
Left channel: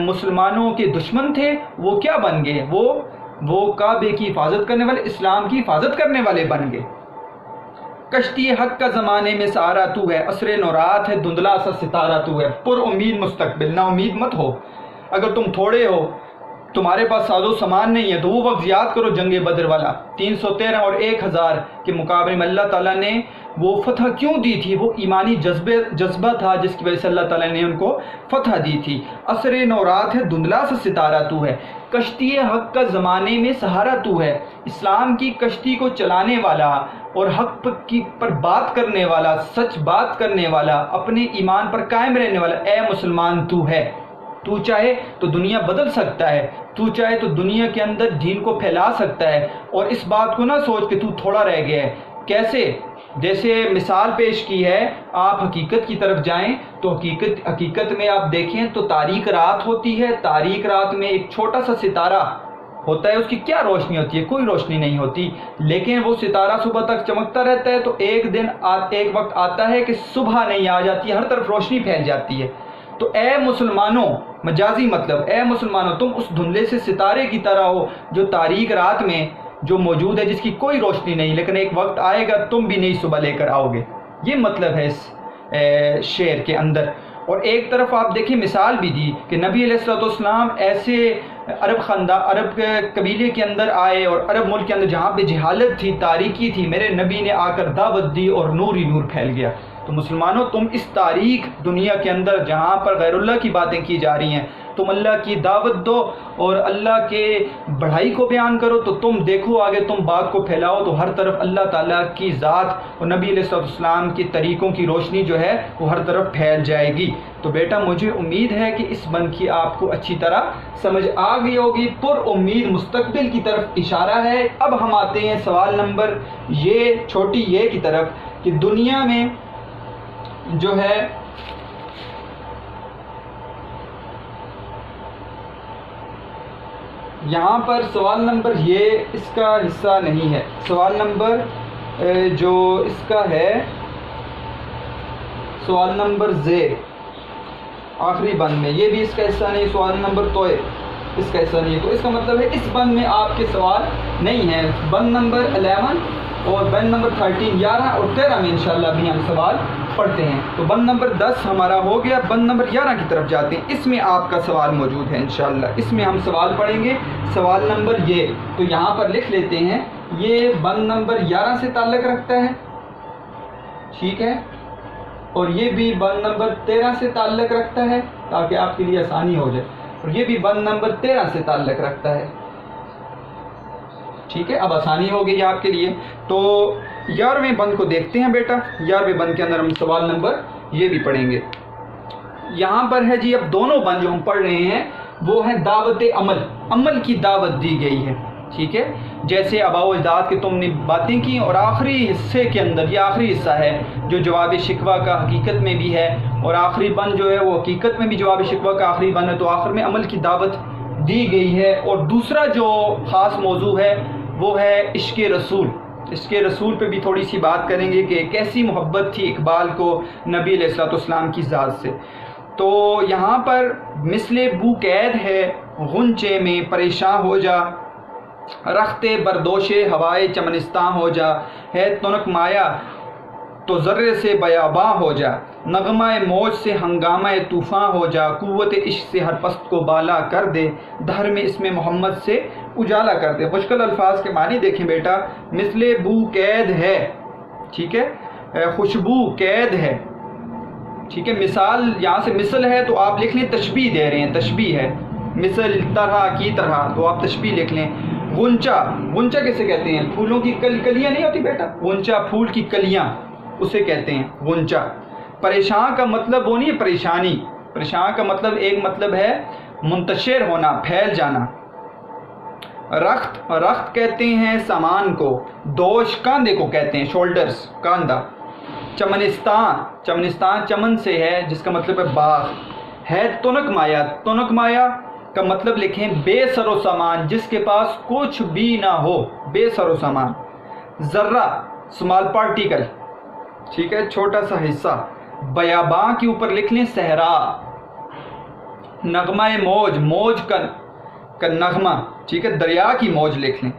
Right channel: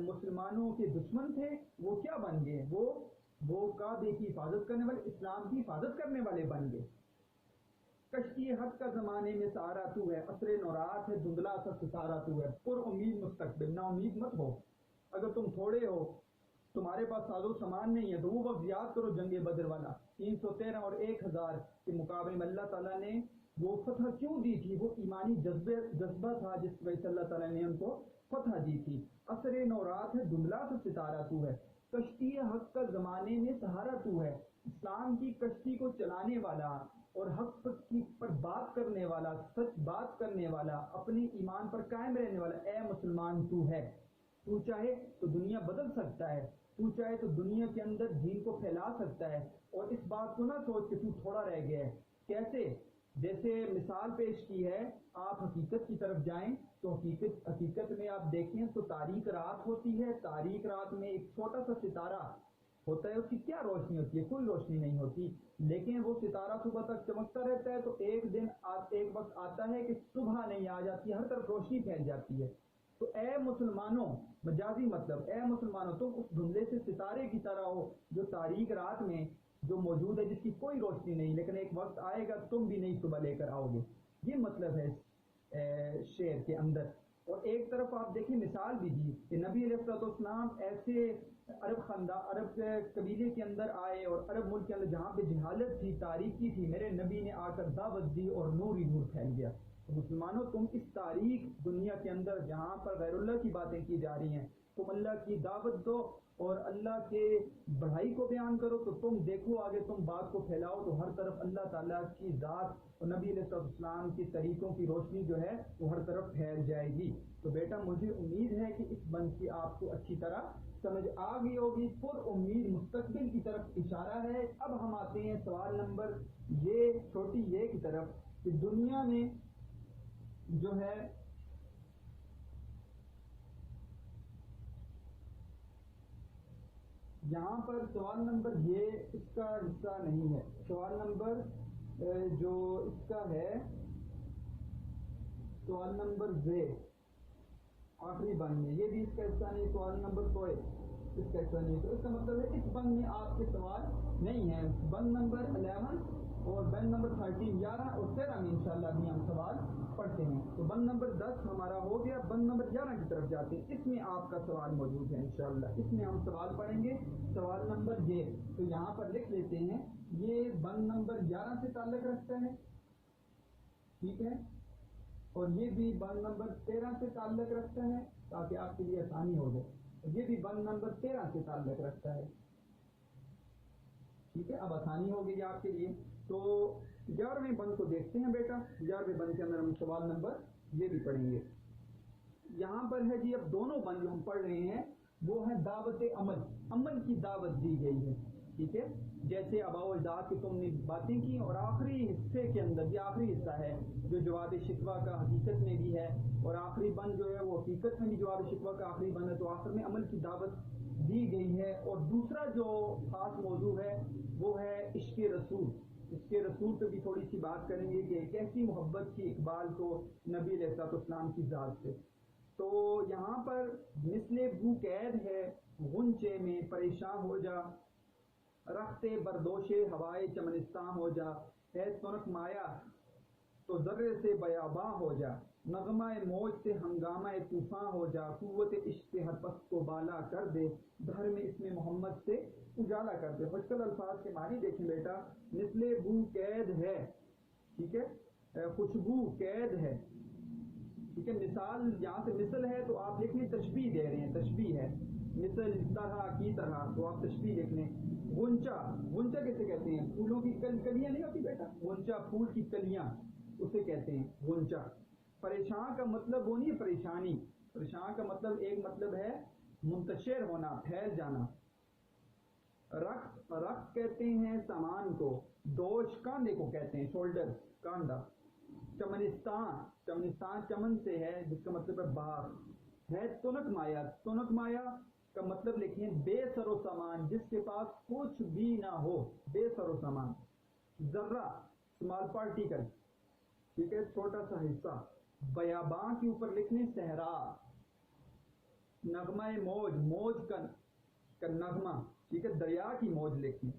مسلمانوں کے دشمن تھے، وہ کیا بن گئے؟ وہ کعبے کی حفاظت کرنے والے، اسلام کی حفاظت کرنے والے بن گئے۔ کشتی حق کا زمانے میں سہارا تو ہے، عصر نورات ہے دھندلا سا ستارہ تو ہے، پر امید مستقبل، نا امید مت ہو۔ اگر تم تھوڑے ہو، تمہارے پاس ساز و سامان نہیں ہے، تو وہ وقت یاد کرو جنگ بدر والا، 313 اور 1000 کے مقابلے میں اللہ تعالیٰ نے وہ فتح کیوں دی تھی؟ وہ ایمانی جذبہ تھا جس کی وجہ سے اللہ تعالیٰ نے ان کو فتح دی تھی۔ عصر نورات ہے دھندلا سا ستارہ تو ہے، کشتی حق کا زمانے میں سہارا تو ہے، اسلام کی کشتی کو چلانے والا اور حق پر بات کرنے والا، سچ بات کرنے والا، اپنے ایمان پر قائم رہنے والا، اے مسلمان تو ہے۔ تو چاہے تو دنیا بدل سکتا ہے، تو چاہے تو دنیا کے اندر دین کو پھیلا سکتا ہے، اور اس بات کو نہ سوچ کہ تو تھوڑا رہ گیا ہے۔ کیسے؟ جیسے مثال پیش کی ہے، آپ حقیقت کی طرف جائیں تو حقیقت میں آپ دیکھیں تو تاریک رات ہوتی ہے، تاریک رات میں ایک چھوٹا سا ستارہ ہوتا ہے، اس کی کیا روشنی ہوتی ہے؟ کوئی روشنی نہیں ہوتی، لیکن وہ ستارہ صبح تک چمکتا رہتا ہے، تو ایک وقت آتا ہے کہ صبح نہیں آ جاتی ہے، ہر طرف روشنی پھیل جاتی ہے۔ تو اے مسلمانوں، مجازی مطلب، اے مسلمانوں تم اس دھندلے سے ستارے کی طرح ہو جو تاریک رات میں جو موجود ہے، جس کی کوئی روشنی نہیں، لیکن ایک وقت آئے گا تم بھی نئی صبح لے کر آؤ گے۔ یہ مطلب ہے اس شعر کے اندر۔ اور ایک طرف آپ دیکھیں مثال بھی دی کہ نبی علیہ الصلوۃ والسلام ایسے عرب قبیلے کے اندر آئے اور عرب ملک کے اندر جہاں پہ جہالت تھی، تاریکی تھی، میرے نبی نے آ کر دعوت دی اور نور ہی نور پھیل گیا۔ تو مسلمانوں تم اس تاریک دنیا کے اندر جہاں پر غیر اللہ کی باتیں کی جا رہی ہیں، تم اللہ کی دعوت دو اور اللہ کے بڑائی کو بیان کرو، تو تم دیکھو آگے تم بات کو پھیلاؤ تو ہر طرف اللہ تعالیٰ کی ذات اور نبی علیہ السلام کے طریقوں کی روشنی جو ہے وہ ہر طرف پھیل جائے گی۔ تو بیٹا مجھے امید ہے کہ اس بند کی آپ کو اچھی طرح سمجھ آ گئی ہوگی، پر امید مستقبل کی طرف اشارہ ہے۔ اب ہم آتے ہیں سوال نمبر یہ چھوٹی یہ کی طرف کہ دنیا میں جو ہے یہاں پر سوال نمبر یہ اس کا حصہ نہیں ہے. سوال نمبر جو اس کا ہے سوال نمبر زیر آخری بند میں یہ بھی اس کا حصہ نہیں. سوال نمبر توئے اس کا حصہ نہیں ہے. تو اس کا مطلب ہے اس بند میں آپ کے سوال نہیں ہیں. بند نمبر 11 اور بند نمبر 13 11 اور 13 میں انشاءاللہ بھی ہم سوال پڑھتے ہیں. تو بند نمبر 10 ہمارا ہو گیا. بند نمبر 11 کی طرف جاتے ہیں. اس میں آپ کا سوال موجود ہے انشاءاللہ. اس میں ہم سوال پڑھیں گے. سوال نمبر یہ تو یہاں پر لکھ لیتے ہیں. یہ بند نمبر 11 سے تعلق رکھتا ہے, ٹھیک ہے, اور یہ بھی بند نمبر 13 سے تعلق رکھتا ہے تاکہ آپ کے لیے آسانی ہو جائے, اور یہ بھی بند نمبر 13 سے تعلق رکھتا ہے, ٹھیک ہے. اب آسانی ہو گئی آپ کے لیے. تو 11ویں بند کو دیکھتے ہیں بیٹا. 11ویں بند کے اندر ہم سوال نمبر یہ بھی پڑھیں گے. یہاں پر ہے جی اب دونوں بند جو ہم پڑھ رہے ہیں وہ ہے دعوت عمل. عمل کی دعوت دی گئی ہے, ٹھیک ہے. جیسے آباء و اجداد کے تم نے باتیں کی, اور آخری حصے کے اندر یہ آخری حصہ ہے جو جواب شکوہ کا حقیقت میں بھی ہے, اور آخری بند جو ہے وہ حقیقت میں بھی جواب شکوہ کا آخری بند ہے. تو آخر میں عمل کی دعوت دی گئی ہے. اور دوسرا جو خاص موضوع ہے وہ ہے عشق رسول. عشق رسول پہ بھی تھوڑی سی بات کریں گے کہ کیسی محبت تھی اقبال کو نبی علیہ الصلوۃ والسلام کی ذات سے. تو یہاں پر مثل بو قید ہے غنچے میں پریشاں ہو جا, رخت بردوش ہوائے چمنستاں ہو جا, ہے تنک مایا تو ذرے سے بیاباں ہو جا, نغمہ موج سے ہنگامہ طوفاں ہو جا, قوت عشق سے ہر پست کو بالا کر دے, دھر میں اسم محمد سے اجالا کر دے. مشکل الفاظ کے معنی دیکھیں بیٹا. مثل بو قید ہے, ٹھیک ہے, خوشبو قید ہے, ٹھیک ہے. مثال یہاں سے مثل ہے تو آپ لکھ لیں تشبیہ دے رہے ہیں, تشبیہ ہے. مثل طرح کی طرح تو آپ تشبیہ لکھ لیں. غنچہ, غنچہ کیسے کہتے ہیں؟ پھولوں کی کلیاں نہیں ہوتی بیٹا, غنچہ پھول کی کلیاں اسے کہتے ہیں غنچہ. پریشان کا مطلب وہ نہیں ہے پریشانی, پریشان کا مطلب ایک مطلب ہے منتشر ہونا, پھیل جانا. رخت, رخت کہتے ہیں سامان کو. دوش کاندھے کو کہتے ہیں, شولڈرز, کاندھا. چمنستان, چمنستان چمن سے ہے جس کا مطلب ہے باغ. ہے تنک مایا, تنک مایا کا مطلب لکھیں بے سر و سامان, جس کے پاس کچھ بھی نہ ہو, بے سر و سامان. ذرہ اسمال پارٹیکل, ٹھیک ہے, چھوٹا سا حصہ. بیاباں کے اوپر لکھ لیں صحرا. نغمہ موج, موج کا نغمہ, ٹھیک ہے, دریا کی موج لکھ لیں.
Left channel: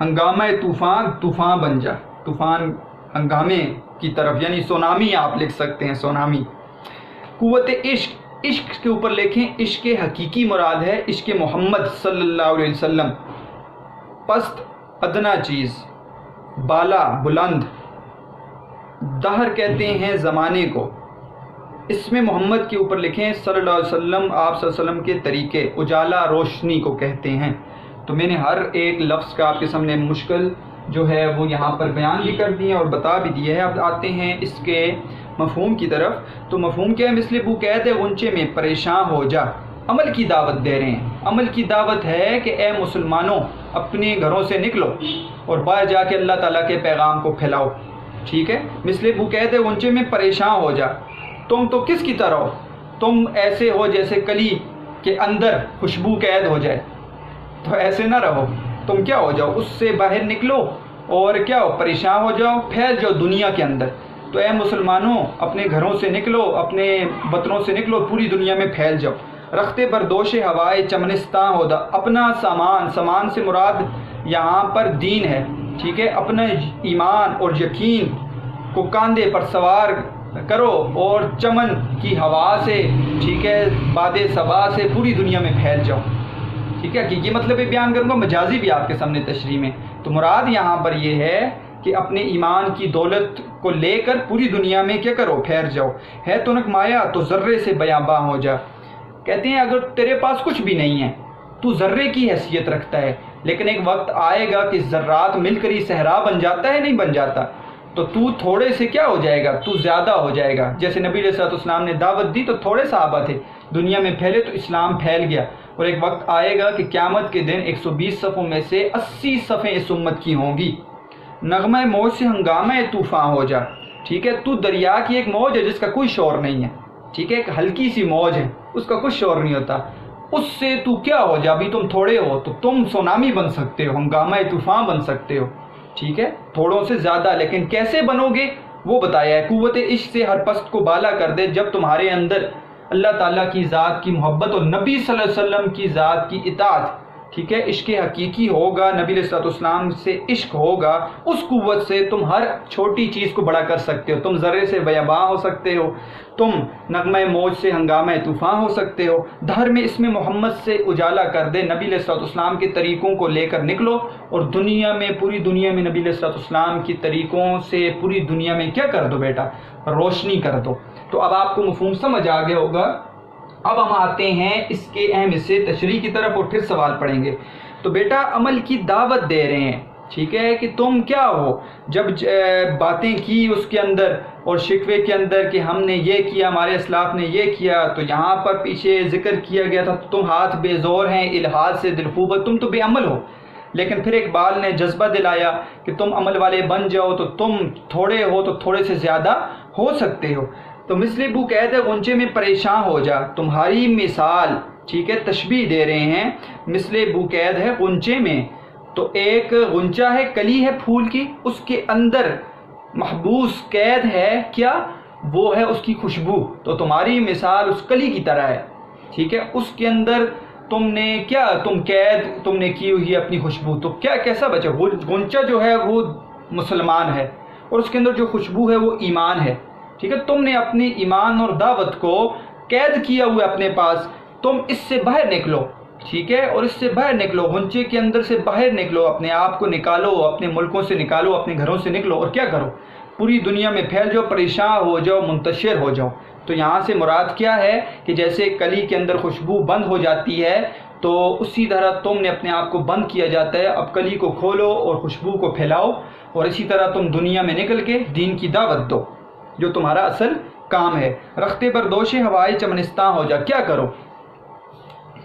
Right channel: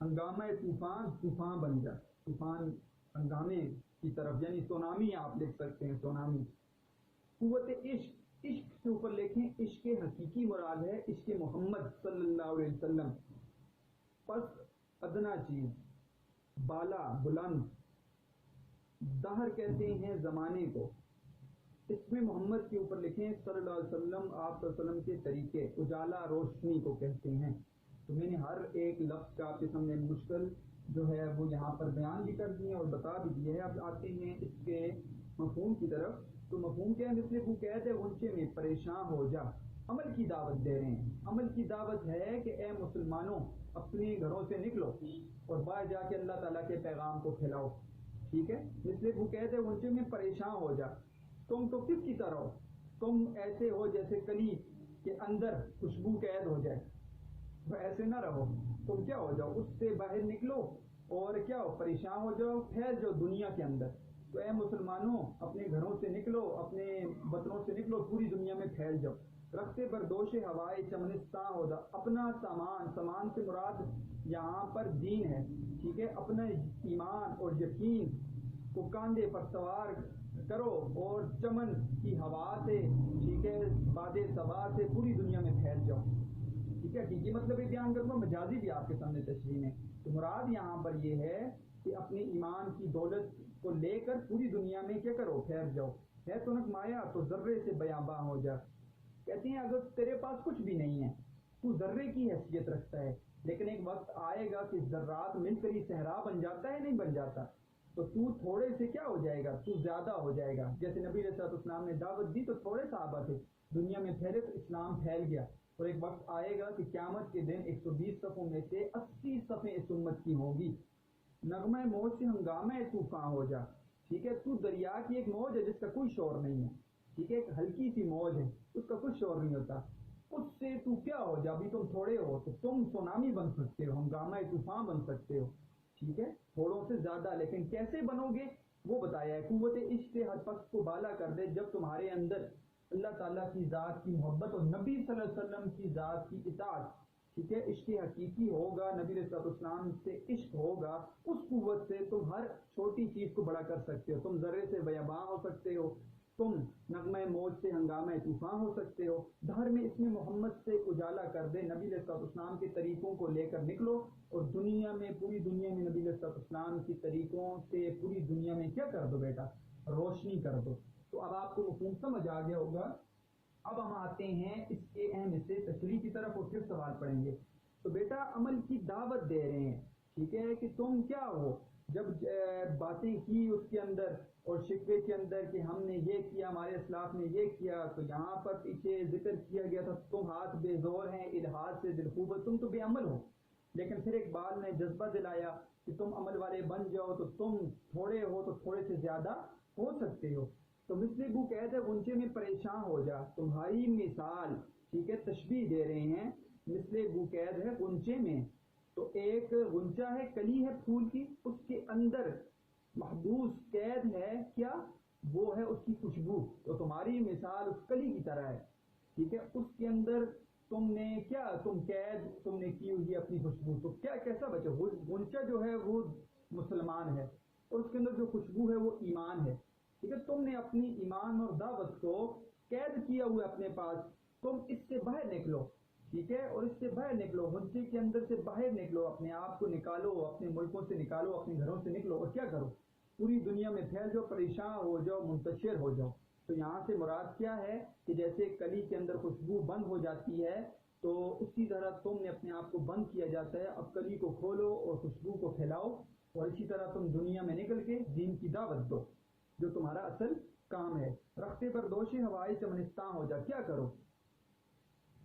ہنگامہ طوفان, طوفان بن جا, طوفان ہنگامے کی طرف, یعنی سونامی آپ لکھ سکتے ہیں, سونامی. قوت عشق, عشق کے اوپر لکھیں عشق حقیقی مراد ہے عشق محمد صلی اللہ علیہ وسلم. پست ادنا چیز, بالا بلند. دہر کہتے ہیں زمانے کو. اسم محمد کے اوپر لکھیں صلی اللہ علیہ وسلم, آپ صلی اللہ علیہ وسلم کے طریقے. اجالا روشنی کو کہتے ہیں. تو میں نے ہر ایک لفظ کا آپ کے سامنے مشکل جو ہے وہ یہاں پر بیان بھی کر دیے اور بتا بھی دیے ہیں. اب آتے ہیں اس کے مفہوم کی طرف. تو مفہوم کیا ہے؟ مثل بو قید ہے غنچے میں پریشان ہو جا. عمل کی دعوت دے رہے ہیں. عمل کی دعوت ہے کہ اے مسلمانوں اپنے گھروں سے نکلو اور باہر جا کے اللہ تعالیٰ کے پیغام کو پھیلاؤ, ٹھیک ہے. مثل بو قید ہے غنچے میں پریشان ہو جا. تم تو کس کی طرح ہو؟ تم ایسے ہو جیسے کلی کے اندر خوشبو قید ہو جائے. تو ایسے نہ رہو, تم کیا ہو جاؤ, اس سے باہر نکلو اور کیا ہو, پریشان ہو جاؤ, پھیل جاؤ دنیا کے اندر. تو اے مسلمانوں اپنے گھروں سے نکلو, اپنے وطنوں سے نکلو, پوری دنیا میں پھیل جاؤ. رخت بردوش ہوائے چمنستاں ہو دا. اپنا سامان, سامان سے مراد یہاں پر دین ہے, ٹھیک ہے. اپنا ایمان اور یقین کو کاندھے پر سوار کرو اور چمن کی ہوا سے, ٹھیک ہے, باد صبا سے پوری دنیا میں پھیل جاؤ, ٹھیک ہے. کہ یہ مطلب بیان کروں گا, مجازی بھی آپ کے سامنے تشریح میں. تو مراد یہاں پر یہ ہے کہ اپنے ایمان کی دولت کو لے کر پوری دنیا میں کیا کرو, پھیل جاؤ. ہے تنک مایا تو ذرے سے بیاباں ہو جا. کہتے ہیں اگر تیرے پاس کچھ بھی نہیں ہے, تو ذرے کی حیثیت رکھتا ہے, لیکن ایک وقت آئے گا کہ ذرات مل کر ہی صحرا بن جاتا ہے, نہیں بن جاتا. تو تھوڑے سے کیا ہو جائے گا, تو زیادہ ہو جائے گا. جیسے نبی علیہ الصلوۃ والسلام نے دعوت دی تو تھوڑے صحابہ تھے, دنیا میں پھیلے تو اسلام پھیل گیا. اور ایک وقت آئے گا کہ قیامت کے دن 120 صفوں میں سے 80 صفیں اس امت کی ہوں گی. نغمہ موج سے ہنگامہ طوفان ہو جا. ٹھیک ہے، تو دریا کی ایک موج ہے جس کا کوئی شور نہیں ہے، ٹھیک ہے، ایک ہلکی سی موج ہے، اس کا کوئی شور نہیں ہوتا، اس سے تو کیا ہو جا، ابھی تم تھوڑے ہو تو تم سونامی بن سکتے ہو، ہنگامہ طوفان بن سکتے ہو، ٹھیک ہے، تھوڑوں سے زیادہ، لیکن کیسے بنو گے وہ بتایا ہے۔ قوت عشق سے ہر پست کو بالا کر دے، جب تمہارے اندر اللہ تعالیٰ کی ذات کی محبت اور نبی صلی اللہ علیہ وسلم کی ذات کی اطاعت، ٹھیک ہے، عشق حقیقی ہوگا، نبی علیہ الصلوۃ والسلام سے عشق ہوگا، اس قوت سے تم ہر چھوٹی چیز کو بڑا کر سکتے ہو، تم ذرے سے بیاباں ہو سکتے ہو، تم نغمہ موج سے ہنگامہ طوفان ہو سکتے ہو، دھر میں اسم محمد سے اجالا کر دے، نبی علیہ الصلوۃ والسلام کے طریقوں کو لے کر نکلو، اور دنیا میں، پوری دنیا میں نبی علیہ الصلوۃ والسلام کی طریقوں سے پوری دنیا میں کیا کر دو بیٹا، روشنی کر دو۔ تو اب آپ کو مفہوم سمجھ آ گیا ہوگا۔ اب ہم آتے ہیں اس کے اہم حصے تشریح کی طرف، اور پھر سوال پڑھیں گے۔ تو بیٹا عمل کی دعوت دے رہے ہیں، ٹھیک ہے، کہ تم کیا ہو، جب باتیں کی اس کے اندر اور شکوے کے اندر کہ ہم نے یہ کیا، ہمارے اسلاف نے یہ کیا، تو یہاں پر پیچھے ذکر کیا گیا تھا تم ہاتھ بے زور ہیں الحاد سے دلخوبت، تم تو بے عمل ہو، لیکن پھر اقبال نے جذبہ دلایا کہ تم عمل والے بن جاؤ، تو تم تھوڑے ہو تو تھوڑے سے زیادہ ہو سکتے ہو۔ تو مثل بو قید ہے غنچے میں پریشان ہو جا، تمہاری مثال، ٹھیک ہے، تشبیہ دے رہے ہیں، مثل بو قید ہے غنچے میں، تو ایک غنچہ ہے، کلی ہے پھول کی، اس کے اندر محبوس قید ہے کیا، وہ ہے اس کی خوشبو، تو تمہاری مثال اس کلی کی طرح ہے، ٹھیک ہے، اس کے اندر تم نے کیا، تم قید تم نے کی ہوئی اپنی خوشبو، تو کیا کیسا بچا، غنچہ جو ہے وہ مسلمان ہے، اور اس کے اندر جو خوشبو ہے وہ ایمان ہے، ٹھیک ہے، تم نے اپنی ایمان اور دعوت کو قید کیا ہوا اپنے پاس، تم اس سے باہر نکلو، ٹھیک ہے، اور اس سے باہر نکلو، غنچے کے اندر سے باہر نکلو، اپنے آپ کو نکالو، اپنے ملکوں سے نکالو، اپنے گھروں سے نکلو، اور کیا کرو، پوری دنیا میں پھیل جاؤ، پریشان ہو جاؤ، منتشر ہو جاؤ۔ تو یہاں سے مراد کیا ہے کہ جیسے کلی کے اندر خوشبو بند ہو جاتی ہے، تو اسی طرح تم نے اپنے آپ کو بند کیا جاتا ہے، اب کلی کو کھولو اور خوشبو کو پھیلاؤ، اور اسی طرح تم دنیا میں نکل کے دین کی دعوت دو، جو تمہارا اصل کام ہے۔ رختے پر دوش ہوائے چمنستاں ہو جا، کیا کرو،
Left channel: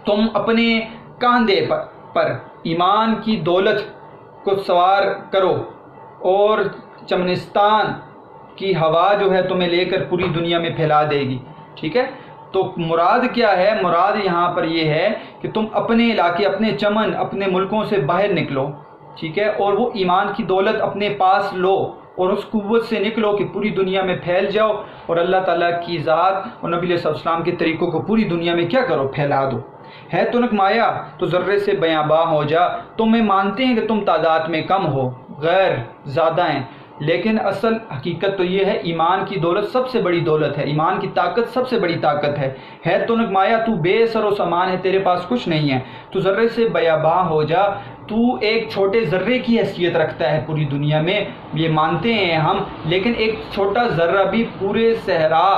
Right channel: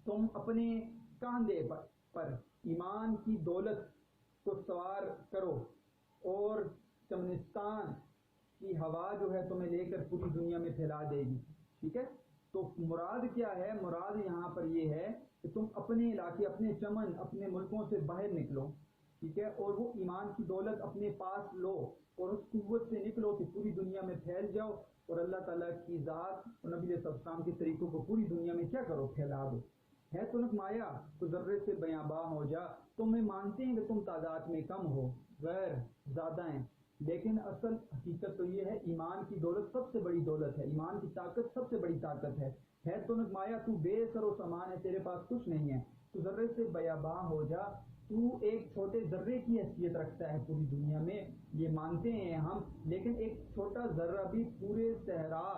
تم اپنے کاندھے پر ایمان کی دولت کو سوار کرو، اور چمنستان کی ہوا جو ہے تمہیں لے کر پوری دنیا میں پھیلا دے گی، ٹھیک ہے۔ تو مراد کیا ہے، مراد یہاں پر یہ ہے کہ تم اپنے علاقے، اپنے چمن، اپنے ملکوں سے باہر نکلو، ٹھیک ہے، اور وہ ایمان کی دولت اپنے پاس لو، اور اس قوت سے نکلو کہ پوری دنیا میں پھیل جاؤ، اور اللہ تعالیٰ کی ذات اور نبی علیہ السلام کے طریقوں کو پوری دنیا میں کیا کرو، پھیلا دو۔ ہے تنک مایا تو ذرے سے بیاباں ہو جا، تمہیں مانتے ہیں کہ تم تعداد میں کم ہو، غیر زیادہ ہیں، لیکن اصل حقیقت تو یہ ہے ایمان کی دولت سب سے بڑی دولت ہے، ایمان کی طاقت سب سے بڑی طاقت ہے تنک مایا، تو بے سر و سامان ہے، تیرے پاس کچھ نہیں ہے، تو ذرے سے بیاباں ہو جا، تو ایک چھوٹے ذرے کی حیثیت رکھتا ہے پوری دنیا میں، یہ مانتے ہیں ہم، لیکن ایک چھوٹا ذرہ بھی پورے صحرا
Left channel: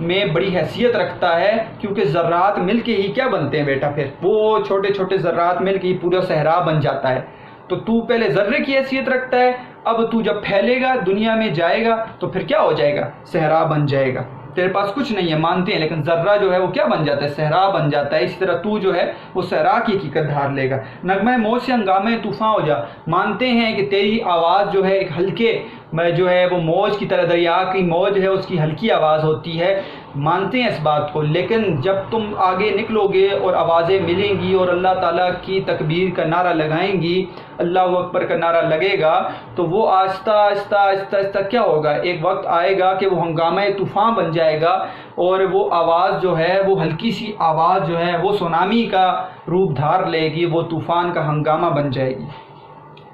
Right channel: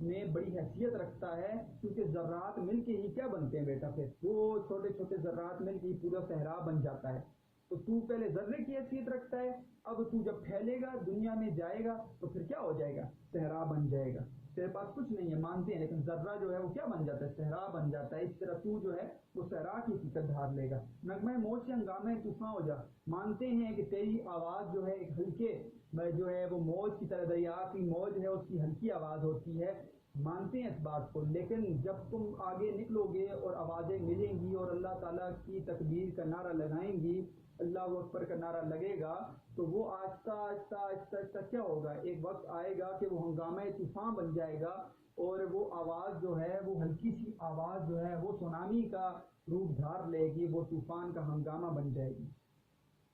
میں بڑی حیثیت رکھتا ہے، کیونکہ ذرات مل کے ہی کیا بنتے ہیں بیٹا، پھر وہ چھوٹے چھوٹے ذرات مل کے ہی پورا صحرا بن جاتا ہے۔ تو پہلے ذرے کی حیثیت رکھتا ہے، اب تو جب پھیلے گا، دنیا میں جائے گا، تو پھر کیا ہو جائے گا، صحرا بن جائے گا، تیرے پاس کچھ نہیں ہے، مانتے ہیں، لیکن ذرہ جو ہے وہ کیا بن جاتا ہے، صحرا بن جاتا ہے، اسی طرح تو جو ہے وہ صحرا کی حقیقت دھار لے گا۔ نغمہ موج سے ہنگامہ طوفان ہو جا، مانتے ہیں کہ تیری آواز جو ہے ایک ہلکے میں جو ہے وہ موج کی طرح، دریا کی موج ہے اس کی ہلکی آواز ہوتی ہے، مانتے ہیں اس بات کو، لیکن جب تم آگے نکلو گے اور آوازیں ملیں گی اور اللہ تعالیٰ کی تکبیر کا نعرہ لگائیں گی، اللہ اکبر کا نعرہ لگے گا، تو وہ آہستہ آہستہ آہستہ آہستہ کیا ہوگا، ایک وقت آئے گا کہ وہ ہنگامہ طوفان بن جائے گا، اور وہ آواز جو ہے وہ ہلکی سی آواز جو ہے وہ سونامی کا روپ دھار لے گی، وہ طوفان کا ہنگامہ بن جائے گی،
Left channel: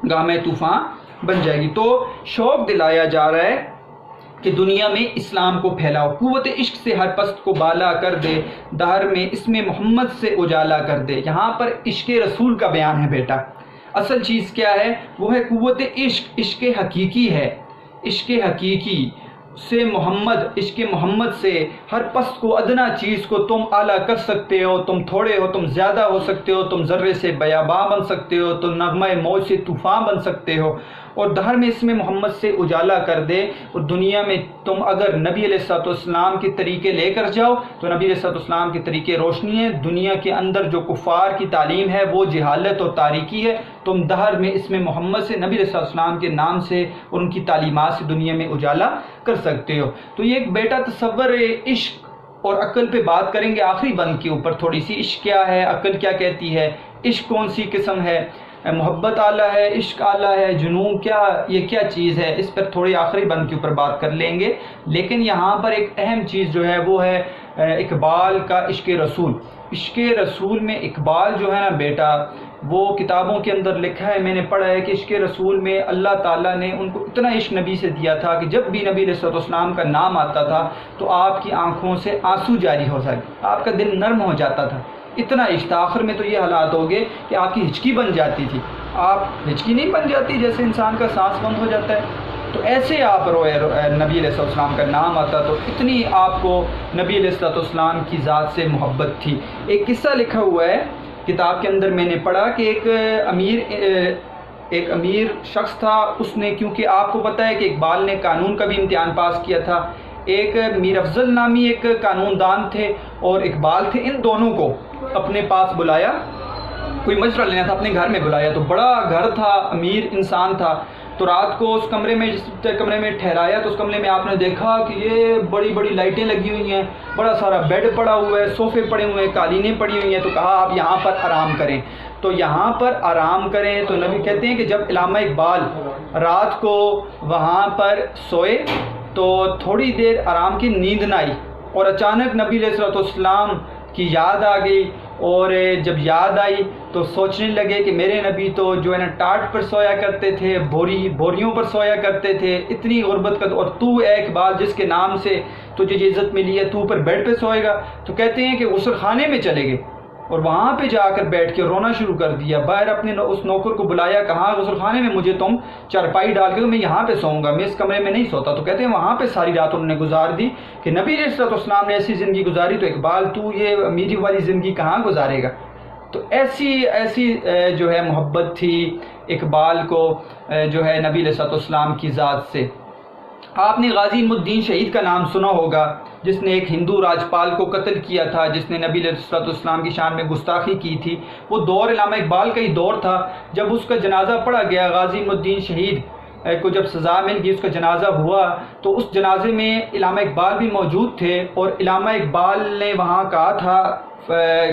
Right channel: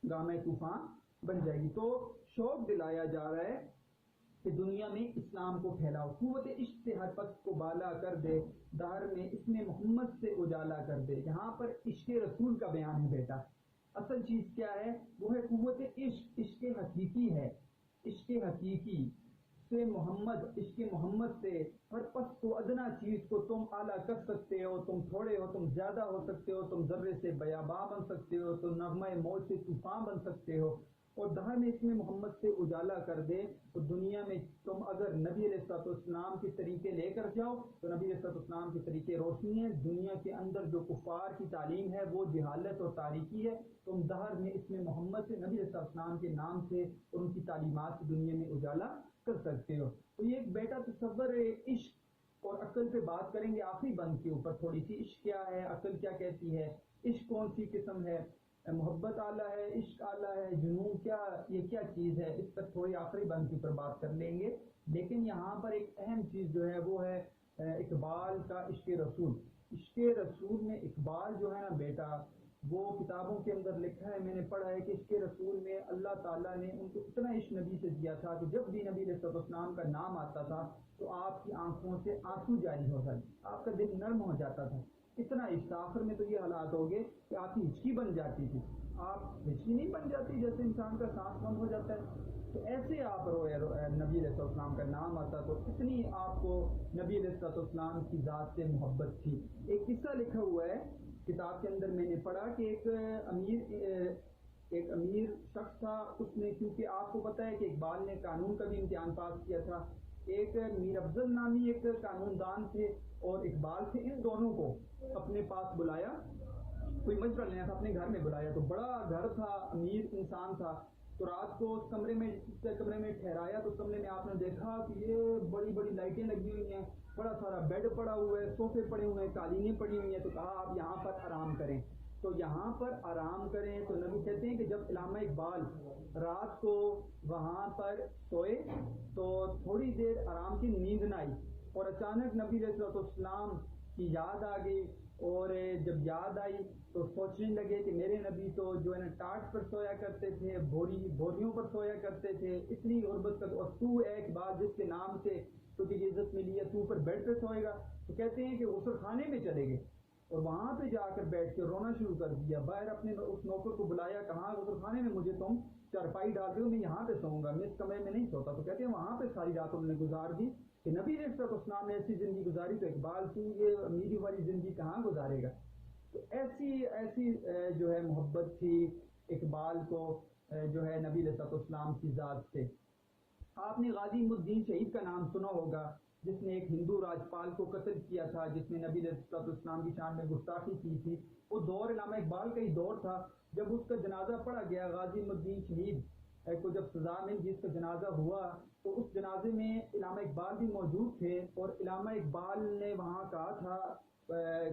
ہنگامہ طوفان بن جائے گی۔ تو شوق دلایا جا رہا ہے کہ دنیا میں اسلام کو پھیلاؤ، قوت عشق سے ہر پست کو بالا کر دے، دہر میں اسم محمد سے اجالا کر دے۔ یہاں پر عشق رسول کا بیان ہے بیٹا، اصل چیز کیا ہے، وہ ہے قوت عشق، عشق حقیقی ہے، عشق حقیقی سے محمد، عشق محمد سے ہر پست کو، ادنا چیز کو تم اعلیٰ کر سکتے ہو، تم تھوڑے ہو تم زیادہ ہو سکتے ہو، تم ذرے سے بیاباں بن سکتے ہو، تم نغمہ موج سے طوفان بن سکتے ہو، اور دہر میں اسم محمد سے اجالا کر دے، اور دنیا میں تم اگر نبی علیہ الصلوۃ والسلام کے طریقے لے کر جاؤ تو نبی علیہ الصلوۃ والسلام کے طریقے روشنی ہے، دنیا کے اندر جو کفار کی تعلیم ہے وہ جہالت اور تاریکی ہے، تم دہر میں اسم محمد سے نبی علیہ الصلوۃ والسلام کے نام سے اور ان کی تعلیمات سے دنیا میں اجالا کر سکتے ہو۔ تو یہ ایک بیٹا تصور عشق اور عقل پہ بات کریں گے آخری بند کے اوپر تھوڑی سی، عشق کیا ہے، عقل کیا کہتی ہے، عشق کون سی قسم ہے، محبت اعلیٰ ہے، عشق اعلیٰ ہے، جنون کیا، یہ کیا چیز ہے، اس پر تھوڑی آخری بند کے اوپر بات کر لیں گے۔ لیکن یہاں پر ایک اہم چیز جو ہے وہ ہے اقبال کا عشق رسول۔ عشق رسول میں اقبال جو ہے نا بیٹا، وہ کتابوں کے اندر لکھا ہے، میں نے پڑھا ہے کہ عشق رسول میں اللہ تعالیٰ نے ان کو اتنا عشق نبی سے دیا تھا کہ جب بھی نبی علیہ الصلوۃ والسلام کا نام آتا تھا تو آپ کی آنکھوں سے آنسو جاری ہو سکے، آپ کا دل نرم ہو جاتا تھا، اتنا عشق تھا۔ آخر میں تو یہ حالات ہو گئے کہ آپ کی ہچکی بن جاتی تھی، آپ ہچکی نہیں بن جاتی جیسے انسان کا سانس بند ہو جاتا ہے، تو ایسے آپ روئے، نبی علیہ الصلوۃ والسلام کا نام آتا تو اتنی آپ کو نبی علیہ الصلوۃ والسلام کی ذات سے محبت تھی۔ ایک قصہ لکھا ہوا ہے کتاب کے اندر، میں نے پڑھا کہ ایک امیر شخص تھا، اس نے، کیونکہ آپ کو پتہ ہے کہ اقبال نے قانون کا بھی امتحان پاس کیا تھا، ایک میر افضل نامی ایک قانون دان تھے اور اقبال تھے، ان دونوں کو اپنے پاس بلایا، کوئی مشورہ لینا تھا، اپنے گھر میں بلایا، تو بڑا گھر تھا، امیر انسان تھا، تو رات کو اس کمرے میں، جس کمرے میں ٹھہرایا تو اس کمرے میں آپ نے دیکھا کہ یہ بڑی بڑی لائٹیں لگی ہوئی ہیں، بڑا سارا بیڈ پڑا ہوا ہے، صوفے پڑے ہوئے ہیں، قالینیں پڑی ہوئی ہیں، تو کہا آپ یہاں پر آرام کریں، تو یہاں پر آرام کریں۔ تو نبی کہتے ہیں کہ جب علامہ اقبال رات کو وہاں پر سوئے تو تھوڑی دیر آرام کی نیند نہ آئی، اور اچانک نبی علیہ الصلوۃ والسلام کی یاد آ گئی، اور جب یاد آئی تو سوچنے لگے کہ میرے نبی تو جو ہے نا ٹاٹ پر سویا کرتے تھے، بوریوں پر سویا کرتے تھے، اتنی غربت کا، اور تو اے اقبال جس کے نام سے تجھے یہ عزت ملی ہے، تو اوپر بیڈ پہ سوئے گا؟ تو کہتے ہیں کہ غسل خانے میں چلے گئے اور وہاں پہ جا کر بیٹھ کے رونا شروع کر دیا، باہر اپنے اس نوکر کو بلایا، کہا غسل خانے میں مجھے تم چارپائی ڈال کے، تو میں یہاں پہ سوؤں گا، میں اس کمرے میں نہیں سوتا۔ تو کہتے ہیں وہاں پہ ساری رات انہوں نے گزار دی کہ نبی علیہ الصلوۃ والسلام نے ایسی زندگی گزاری، تو اقبال تو یہ امیری والی زندگی کہاں گزارے گا؟ تو ایسی جو ہے محبت تھی اقبال کو جو ہے نبی علیہ الصلوۃ والسلام کی ذات سے۔ آپ نے غازی علم الدین شہید کا نام سنا ہوگا، جس نے ایک ہندو راجپال کو قتل کیا تھا، جس نے نبی علیہ الصلوۃ والسلام کی شان میں گستاخی کی تھی۔ وہ دور علامہ اقبال کا ہی دور تھا، جب اس کا جنازہ پڑھا گیا، غازی علم الدین شہید کو جب سزا مل گئی، اس کا جنازہ ہوا، تو اس جنازے میں علامہ اقبال بھی موجود تھے، اور علامہ اقبال نے وہاں کہا تھا،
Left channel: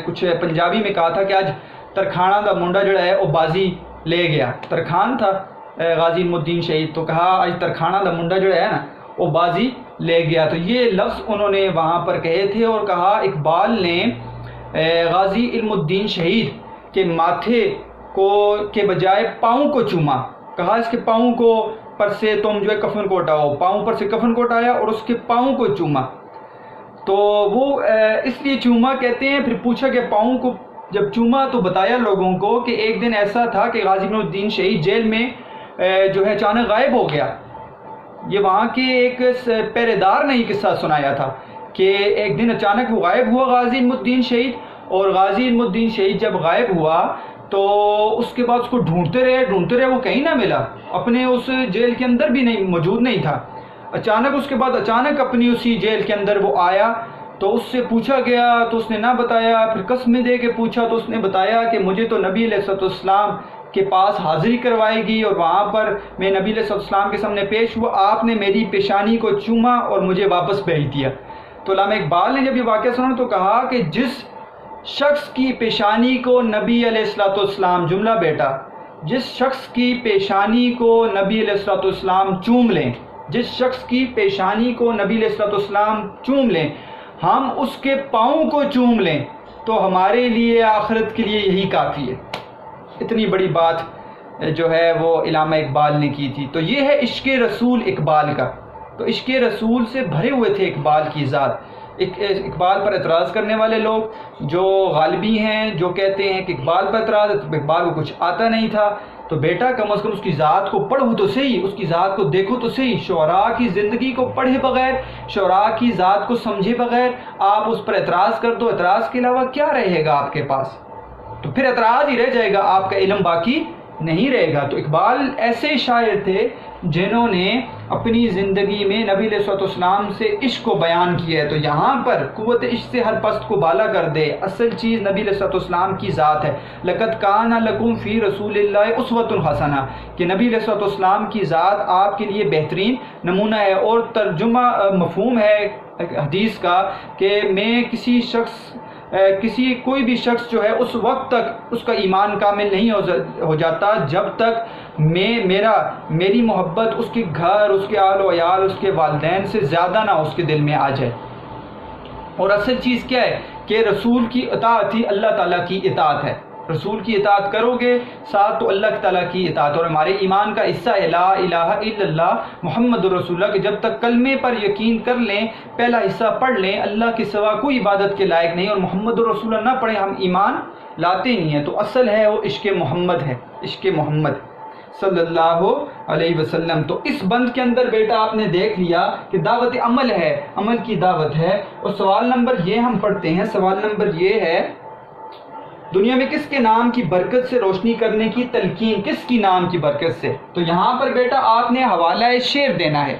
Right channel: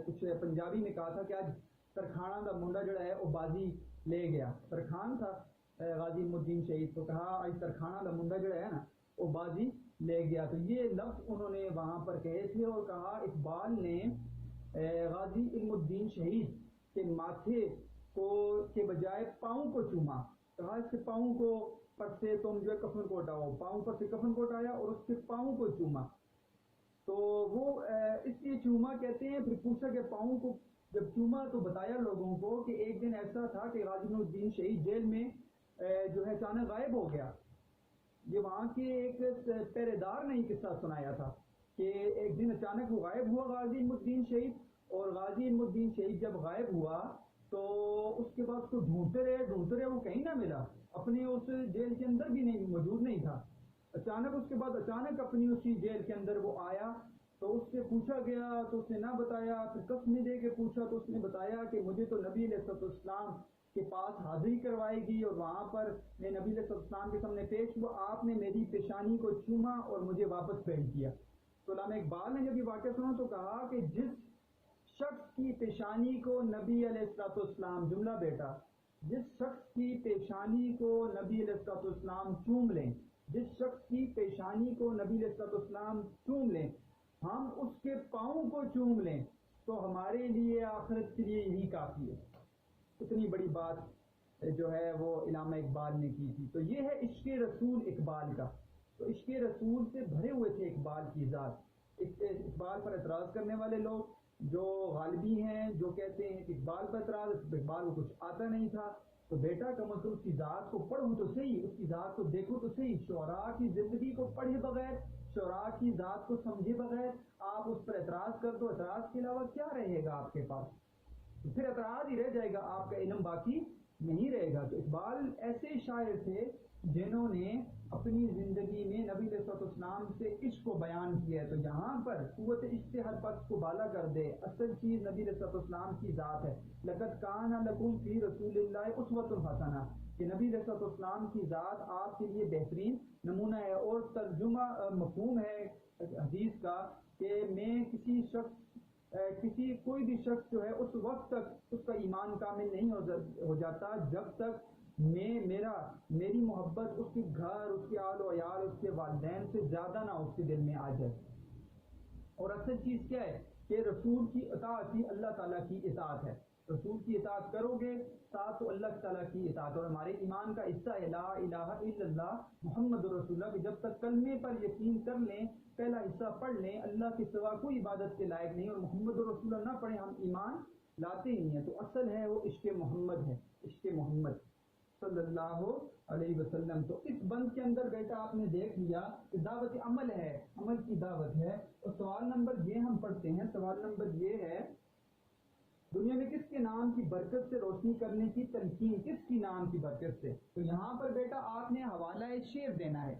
کچھ پنجابی میں کہا تھا کہ آج ترکھانہ دا منڈا جڑا ہے وہ بازی لے گیا، ترکھان تھا غازی علم الدین شہید، تو کہا آج ترکھانہ دا منڈا جڑا ہے نا وہ بازی لے گیا، تو یہ لفظ انہوں نے وہاں پر کہے تھے، اور کہا اقبال نے غازی علم الدین شہید کے ماتھے کو کے بجائے پاؤں کو چوما، کہا اس کے پاؤں کو پر سے تم جو ہے کفن کو ہٹاؤ، پاؤں پر سے کفن کو ہٹایا اور اس کے پاؤں کو چوما، تو وہ اس لیے چوما کہتے ہیں۔ پھر پوچھا کہ پاؤں کو جب چوما تو بتایا لوگوں کو کہ ایک دن ایسا تھا کہ غازی علم الدین شہید جیل میں جو ہے اچانک غائب ہو گیا۔ یہ وہاں کے ایک پہرے دار نے یہ قصہ سنایا تھا کہ ایک دن اچانک وہ غائب ہوا غازی علم الدین شہید، اور غازی علم الدین شہید جب غائب ہوا تو اس کے بعد اس کو ڈھونڈتے رہے، وہ کہیں نہ ملا، اپنے اس جیل کے اندر بھی نہیں موجود نہیں تھا۔ اچانک اس کے بعد اپنی اسی جیل کے اندر وہ آیا، تو اس سے پوچھا گیا تو اس نے نہ بتایا، پھر قسمیں دے کے پوچھا تو اس نے بتایا کہ مجھے تو نبی علیہ الصلوۃ والسلام کے پاس حاضری کروائی گئی، اور وہاں پر میں نبی علیہ الصلوۃ والسلام کے سامنے پیش ہوا، آپ نے میری پیشانی کو چوما اور مجھے واپس بھیج دیا۔ تو علامہ اقبال نے جب یہ واقعہ سنا تو کہا کہ جس شخص کی پیشانی کو نبی علیہ الصلوۃ والسلام، جملہ بیٹا، جس شخص کی پیشانی کو نبی علیہ الصلوۃ والسلام چوم لیں، جس شخص کی پیشانی کو نبی علیہ الصلوۃ والسلام چوم لیں، ہم اس کے پاؤں کو چوم لیں تو ہمارے لیے آخرت کے لیے یہی کافی ہے۔ اتنی بڑی بات جو ہے وہ علامہ اقبال نے کی تھی۔ تو یہ ہے عشق رسول اقبال کا۔ تو عشق رسول سے بھرے ہوئے تھے اقبال کی ذات۔ اقبال پر اعتراض کرنے والے لوگ جو غالبی ہیں، جو کہتے ہیں کہ اقبال پر اعتراض ہے، تو اقبال کو کچھ آتا نہیں تھا، تو بیٹا کم از کم اس کی ذات کو پڑھو تو صحیح، اس کی ذات کو دیکھو تو صحیح۔ شعراء کی زندگی کو پڑھے بغیر، شعراء کی ذات کو سمجھے بغیر آپ اس پر اعتراض کر دو، اعتراض کے علاوہ کیا رہے گا آپ کے پاس؟ تو پھر اعتراض ہی رہ جائے گا، آپ کا علم باقی نہیں رہے گا۔ تو اقبال ایسے شاعر تھے جنہوں نے اپنی زندگی میں نبی علیہ الصلوۃ والسلام سے عشق کو بیان کیا ہے۔ تو یہاں پر قوت عشق سے ہر پست کو بالا کر دے، اصل چیز نبی علیہ الصلوۃ والسلام کی ذات ہے۔ لقد کان لکم فی رسول اللہ اسوۃ حسنہ، کہ نبی علیہ الصلوۃ والسلام کی ذات آپ کے لیے بہترین نمونہ ہے۔ اور ترجمہ مفہوم ہے حدیث کا کہ میں کوئی بھی شخص جو ہے اس وقت تک اس کا ایمان کامل نہیں ہو جاتا جب تک میری محبت اس کے گھر، اس کے آل و عیال، اس کے والدین سے زیادہ نہ اس کے دل میں آ جائے۔ اور اصل چیز کیا ہے کہ رسول کی اطاعت ہی اللہ تعالیٰ کی اطاعت ہے۔ رسول کی اطاعت کرو گے ساتھ تو اللہ تعالیٰ کی اطاعت، اور ہمارے ایمان کا حصہ ہے لا الہ الا اللہ محمد رسول اللہ، کہ جب تک کلمے پر یقین کر لیں، پہلا حصہ پڑھ لیں اللہ کے سوا کوئی عبادت کے لائق نہیں، اور محمد رسول اللہ نہ پڑھیں، ہم ایمان لاتے نہیں ہیں۔ تو اصل ہے وہ عشق محمد ہے، عشق محمد صلی اللہ علیہ وسلم۔ تو اس بند کے اندر بیٹا آپ نے دیکھ لیا کہ دعوت عمل ہے، عمل کی دعوت ہے۔ اور سوال نمبر یہ ہم پڑھتے ہیں، سوال نمبر یہ ہے دنیا میں کس کے نام کی برکت سے روشنی کرنے کی تلقین، کس کی نام کی برکت سے؟ تو یہاں پر بیٹا آپ نے حوالہ شعر دینا ہے،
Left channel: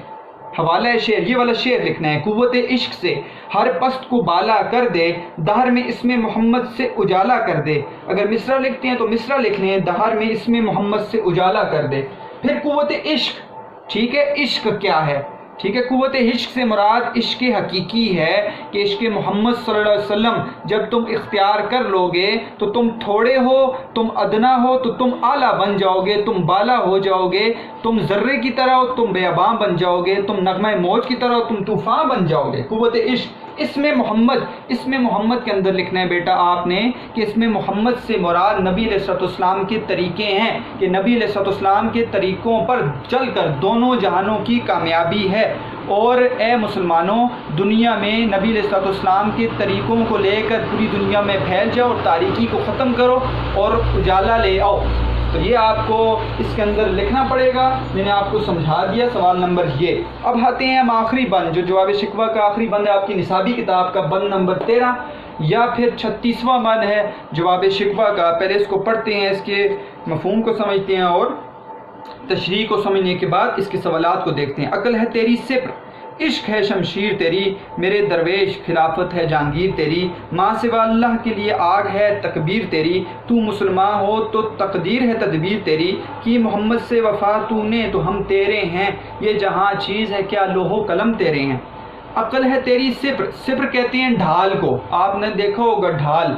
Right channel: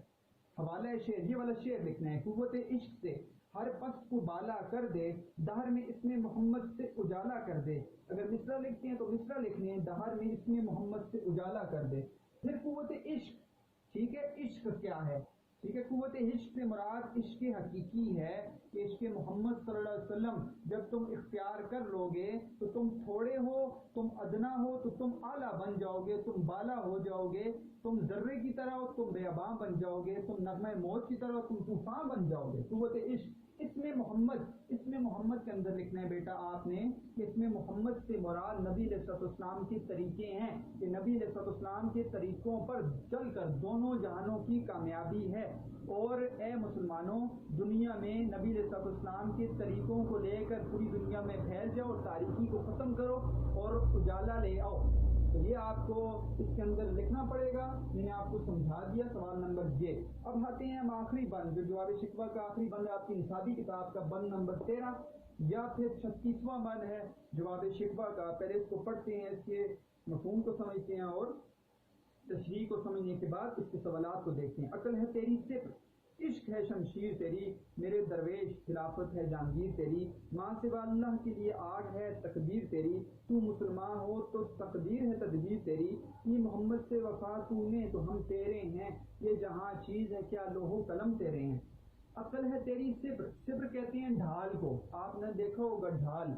حوالہ شعر، یہ والا شعر لکھنا ہے۔ قوت عشق سے ہر پست کو بالا کر دے، دہر میں اسم محمد سے اجالا کر دے۔ اگر مصرع لکھتے ہیں تو مصرع لکھ لیں، دہر میں اسم محمد سے اجالا کر دے۔ پھر قوت عشق، ٹھیک ہے، عشق کیا ہے؟ ٹھیک ہے، قوت عشق سے مراد عشق حقیقی ہے کہ عشق محمد صلی اللہ علیہ وسلم جب تم اختیار کر لو گے تو تم تھوڑے ہو، تم ادنا ہو تو تم اعلیٰ بن جاؤ گے، تم بالا ہو جاؤ گے، تم ذرے کی طرح ہو تم بیاباں بن جاؤ گے، تم نغمہ موج کی طرح ہو تم طوفان بن جاؤ گے۔ قوت عشق، اسم محمد کے اندر لکھنا ہے بیٹا آپ نے کہ اسم محمد سے مراد نبی علیہ الصلوۃ والسلام کے طریقے ہیں، کہ نبی علیہ الصلوۃ والسلام کے طریقوں پر چل کر دونوں جہانوں کی کامیابی ہے۔ اور اے مسلمانوں، دنیا میں نبی علیہ الصلوۃ والسلام کے طریقوں کو لے کر پوری دنیا میں پھیل جاؤ اور تاریکی کو ختم کرو اور اجالا لے آؤ۔ تو یہ آپ کو اس کے اندر لکھنا پڑے گا، میں نے آپ کو سمجھا دیا۔ سوال نمبر یہ، اب آتے ہیں ہم آخری بند، جو جواب شکوہ کا آخری بند ہے آپ کی نصابی کتاب کا، بند نمبر 13 یا پھر 36واں بند ہے جواب شکوہ کا۔ پہلے اس کو پڑھتے ہیں، اس کے مفہوم کو سمجھتے ہیں اور تشریح کو سمجھنے کے بعد اس کے سوالات کو دیکھتے ہیں۔ عقل ہے تیری صفر، عشق ہے شمشیر تیری، میرے درویش خلافت ہے جہانگیر تیری، ماں سوا اللہ کے لیے آگ ہے تکبیر تیری، تو مسلمان ہو تو تقدیر ہے تدبیر تیری، کی محمد سے وفا تو نے تو ہم تیرے ہیں، یہ جہاں چیز ہے کیا لوح و قلم تیرے ہیں۔ عقل ہے تیری صفر، صفر کہتے ہیں ڈھال کو، آپ نے دیکھا ہوگا ڈھال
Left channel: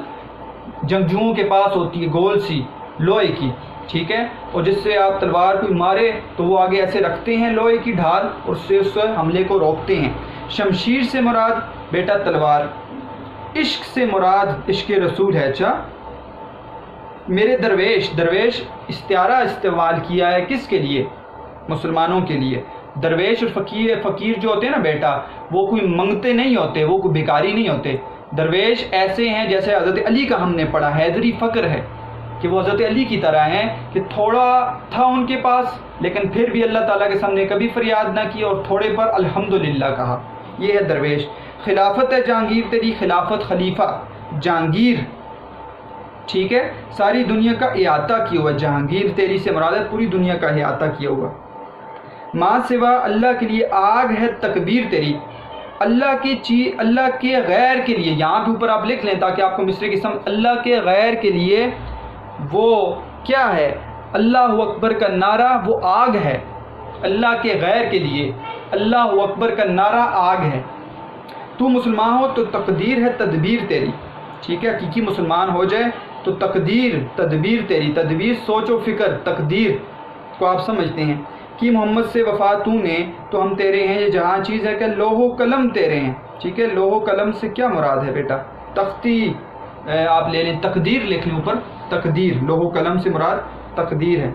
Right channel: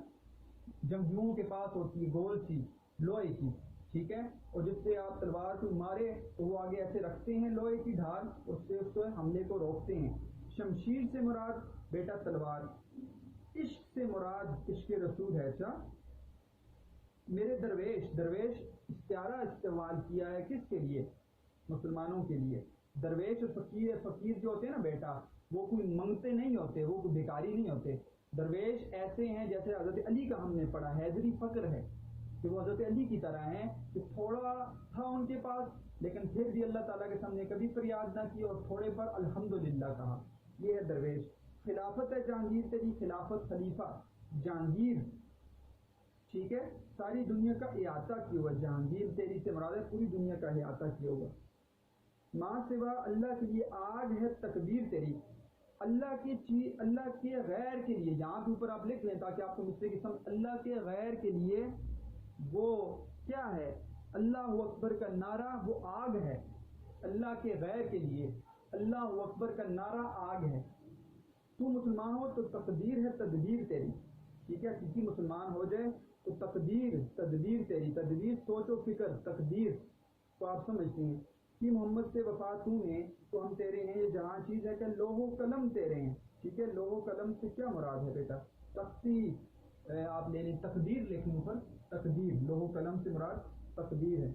جنگجوؤں کے پاس ہوتی ہے گول سی لوہے کی، ٹھیک ہے، اور جس سے آپ تلوار کو مارے تو وہ آگے ایسے رکھتے ہیں لوہے کی ڈھال اور اس حملے کو روکتے ہیں۔ شمشیر سے مراد بیٹا تلوار، عشق سے مراد عشق رسول ہے۔ اچھا، میرے درویش استعارہ استعمال کیا ہے کس کے لیے؟ مسلمانوں کے لیے۔ درویش اور فقیر جو ہوتے ہیں نا بیٹا، وہ کوئی منگتے نہیں ہوتے، وہ کوئی بھکاری نہیں ہوتے۔ درویش ایسے ہیں جیسے حضرت علی کا ہم نے پڑھا، حیدری فقر ہے کہ وہ حضرت علی کی طرح ہیں کہ تھوڑا تھا ان کے پاس لیکن پھر بھی اللہ تعالیٰ کے سامنے کبھی فریاد نہ کی اور تھوڑے پر الحمدللہ کہا، یہ ہے درویش۔ خلافت ہے جہانگیر تیری، خلافت خلیفہ جہانگیر، ٹھیک ہے، ساری دنیا کا احاطہ کیا ہوا، جہانگیر تیری سے مراد ہے پوری دنیا کا احاطہ کیا ہوا۔ ماں سوا اللہ کے لیے آگ ہے تکبیر تیری، اللہ کے غیر کے لیے، یہاں پہ اوپر آپ لکھ لیں تاکہ آپ کو مصرے کی سمجھ، اللہ کے غیر کے لیے وہ کیا ہے؟ اللہ اکبر کا نعرہ وہ آگ ہے، اللہ کے غیر کے لیے اللہ اکبر کا نعرہ آگ ہے۔ تو مسلمان ہو تو تقدیر ہے تدبیر تیری، ٹھیک ہے، حقیقی مسلمان ہو جائے تو تقدیر تدبیر تیری، تدبیر سوچ و فکر، تقدیر کو آپ سمجھتے ہیں۔ کہ محمد سے وفا تو نے تو ہم تیرے ہیں، یہ جہاں چیز ہے کہ لوح و قلم تیرے ہیں، ٹھیک ہے، لوح و قلم سے کیا مراد ہے بیٹا؟ تختی آپ لے لیں، تقدیر لکھ لیں اوپر، تقدیر، لوح و قلم سے مراد تقدیر ہے۔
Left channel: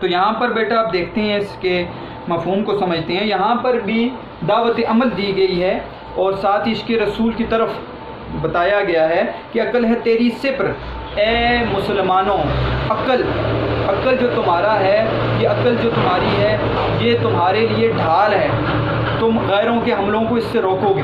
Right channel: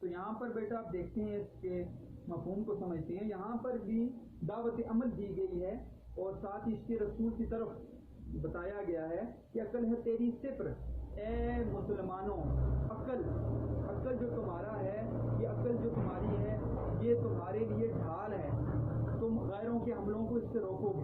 تو یہاں پر بیٹا آپ دیکھتے ہیں اس کے مفہوم کو سمجھتے ہیں، یہاں پر بھی دعوت عمل دی گئی ہے اور ساتھ ہی عشق رسول کی طرف بتایا گیا ہے کہ عقل ہے تیری صفر، اے مسلمانوں، عقل جو تمہارا ہے، یہ عقل جو تمہاری ہے یہ تمہارے لیے ڈھال ہے، تم غیروں کے حملوں کو اس سے روکو گے۔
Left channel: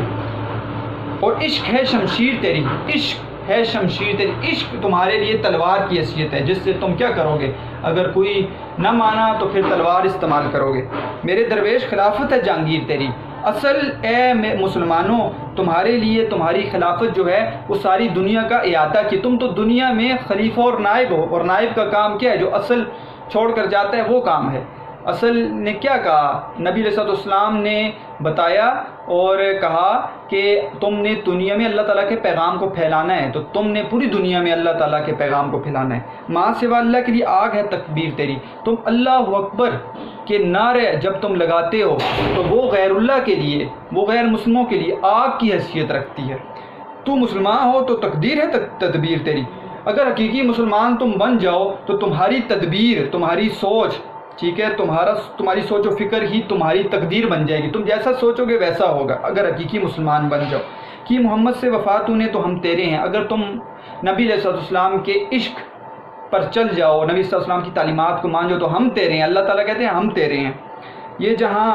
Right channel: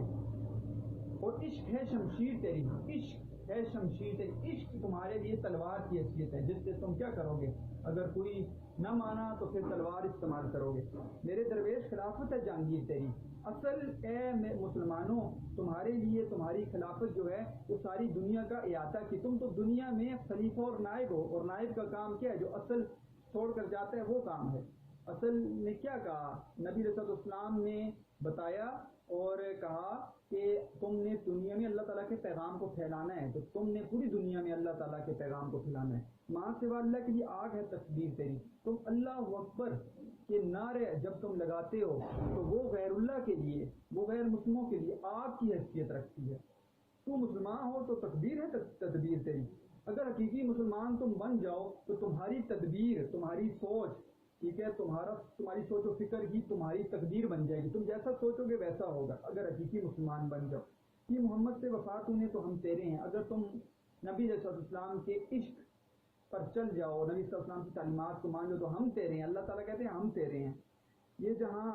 اور عشق ہے شمشیر تیری، عشق ہے شمشیر تیری، عشق تمہارے لیے تلوار کی حیثیت ہے جس سے تم کیا کرو گے، اگر کوئی نہ مانا تو پھر تلوار استعمال کرو گے۔ میرے درویش خلافت ہے جہانگیر تیری، اصل اے مسلمانوں تمہارے لیے تمہاری خلافت جو ہے وہ ساری دنیا کا احاطہ کی، تم تو دنیا میں خلیفہ اور نائب ہو، اور نائب کا کام کیا ہے، جو اصل چھوڑ کر جاتا ہے وہ کام ہے۔ اصل نے کیا کہا، نبی علیہ السلام نے بتایا اور کہا کہ تم نے دنیا میں اللہ تعالیٰ کے پیغام کو پھیلانا ہے، تو تم نے پوری دنیا میں اللہ تعالیٰ کے پیغام کو پھیلانا ہے۔ ماں سوا اللہ کے لیے آگ ہے تکبیر تیری، تم اللہ اکبر کے نعرے جب تم لگاتے ہو تو وہ غیر اللہ کے لیے، وہ غیر مسلموں کے لیے آگ کی حیثیت رکھتی ہے۔ تو مسلمان ہو تو تقدیر ہے تدبیر تیری، اگر حقیقی مسلمان تم بن جاؤ تو تمہاری تدبیر، تمہاری سوچ، ٹھیک ہے، تمہاری سوچ و فکر ہی تمہاری تقدیر بن جائے گی، تم جیسا سوچو گے ویسا ہوگا اگر حقیقی مسلمان بن جاؤ۔ کہ محمد سے وفات نے تو ہم تیرے ہیں، اگر تم نبی علیہ السلام کے عشق پر چل جاؤ، نبی صلی اللہ علیہ وسلم کی تعلیمات کو مان جاؤ تو ہم تیرے ہیں، اللہ تعالیٰ کہتے ہیں ہم تیرے ہیں۔ یہ جہاں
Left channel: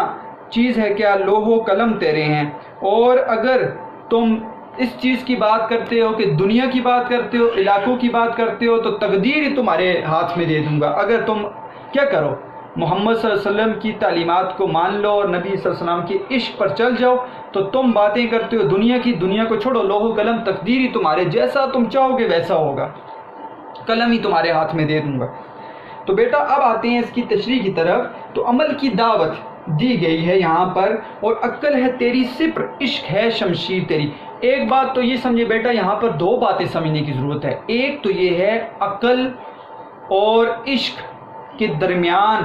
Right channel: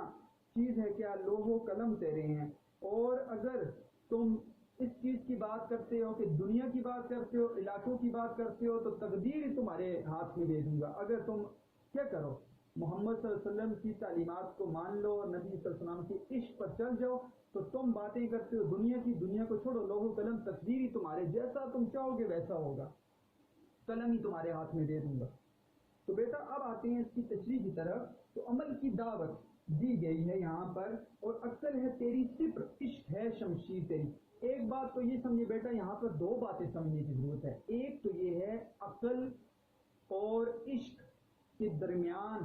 چیز ہے کیا لوح و قلم تیرے ہیں، اور اگر تم اس چیز کی بات کرتے ہو کہ دنیا کی بات کرتے ہو، علاقوں کی بات کرتے ہو، تو تقدیر ہی تمہارے ہاتھ میں دے دوں گا۔ اگر تم کیا کرو، محمد صلی اللہ علیہ وسلم کی تعلیمات کو مان لو اور نبی صلی اللہ علیہ وسلم کے عشق پر چل جاؤ، تو تم باتیں کرتے ہو دنیا کی، دنیا کو چھوڑو، لوح و قلم تقدیر ہی تمہارے، جیسا تم چاہو گے ویسا ہوگا، قلم ہی تمہارے ہاتھ میں دے دوں گا۔ تو بیٹا اب آتے ہیں اس کی تشریح کی طرف۔ تو عمل کی دعوت دی گئی ہے یہاں پر، اور عقل ہے تیری سپر، عشق ہے شمشیر تیری۔ ایک بات تو یہ سمجھے بیٹا، یہاں پر دو باتیں سمجھنے کی ضرورت ہے۔ ایک تو یہ ہے عقل اور عشق کے درمیان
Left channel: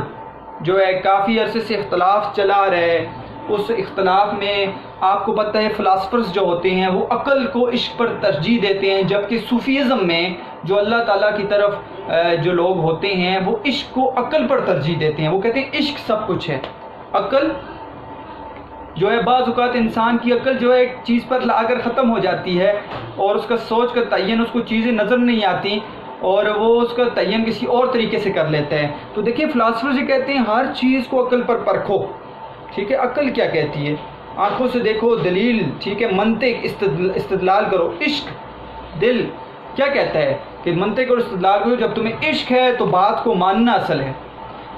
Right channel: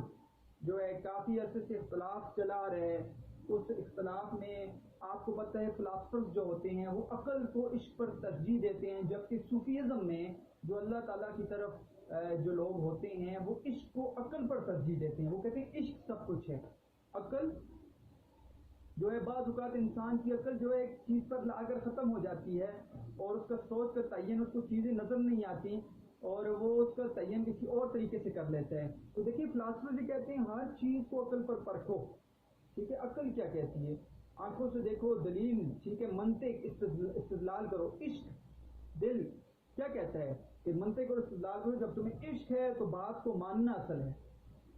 جو ہے کافی عرصے سے اختلاف چلا رہا ہے، اس اختلاف میں آپ کو پتہ ہے فلاسفرز جو ہوتے ہیں وہ عقل کو عشق پر ترجیح دیتے ہیں، جبکہ صوفیزم میں جو اللہ تعالیٰ کی طرف جو لوگ ہوتے ہیں وہ عشق کو عقل پر ترجیح دیتے ہیں، وہ کہتے ہیں عشق سب کچھ ہے۔ عقل جو ہے بعض اوقات انسان کی عقل جو ہے ایک چیز پر لا کر ختم ہو جاتی ہے، اور اس کا سوچ کا تعین، اس کو چیزیں نظر نہیں آتی اور وہ اس کا تعین کسی اور طریقے سے کر لیتا ہے۔ تو دیکھیں فلاسفر یہ کہتے ہیں ہر چیز کو عقل پر پرکھو، ٹھیک ہے، عقل کیا کہتی ہے، آنکھوں سے دیکھو، دلیل، ٹھیک ہے، منطق، استدلال کرو۔ عشق، دل کیا کہتا ہے کہ منطق اور استدلال کرو، جب تمہیں عشق ہے تو بات کو ماننا اصل ہے۔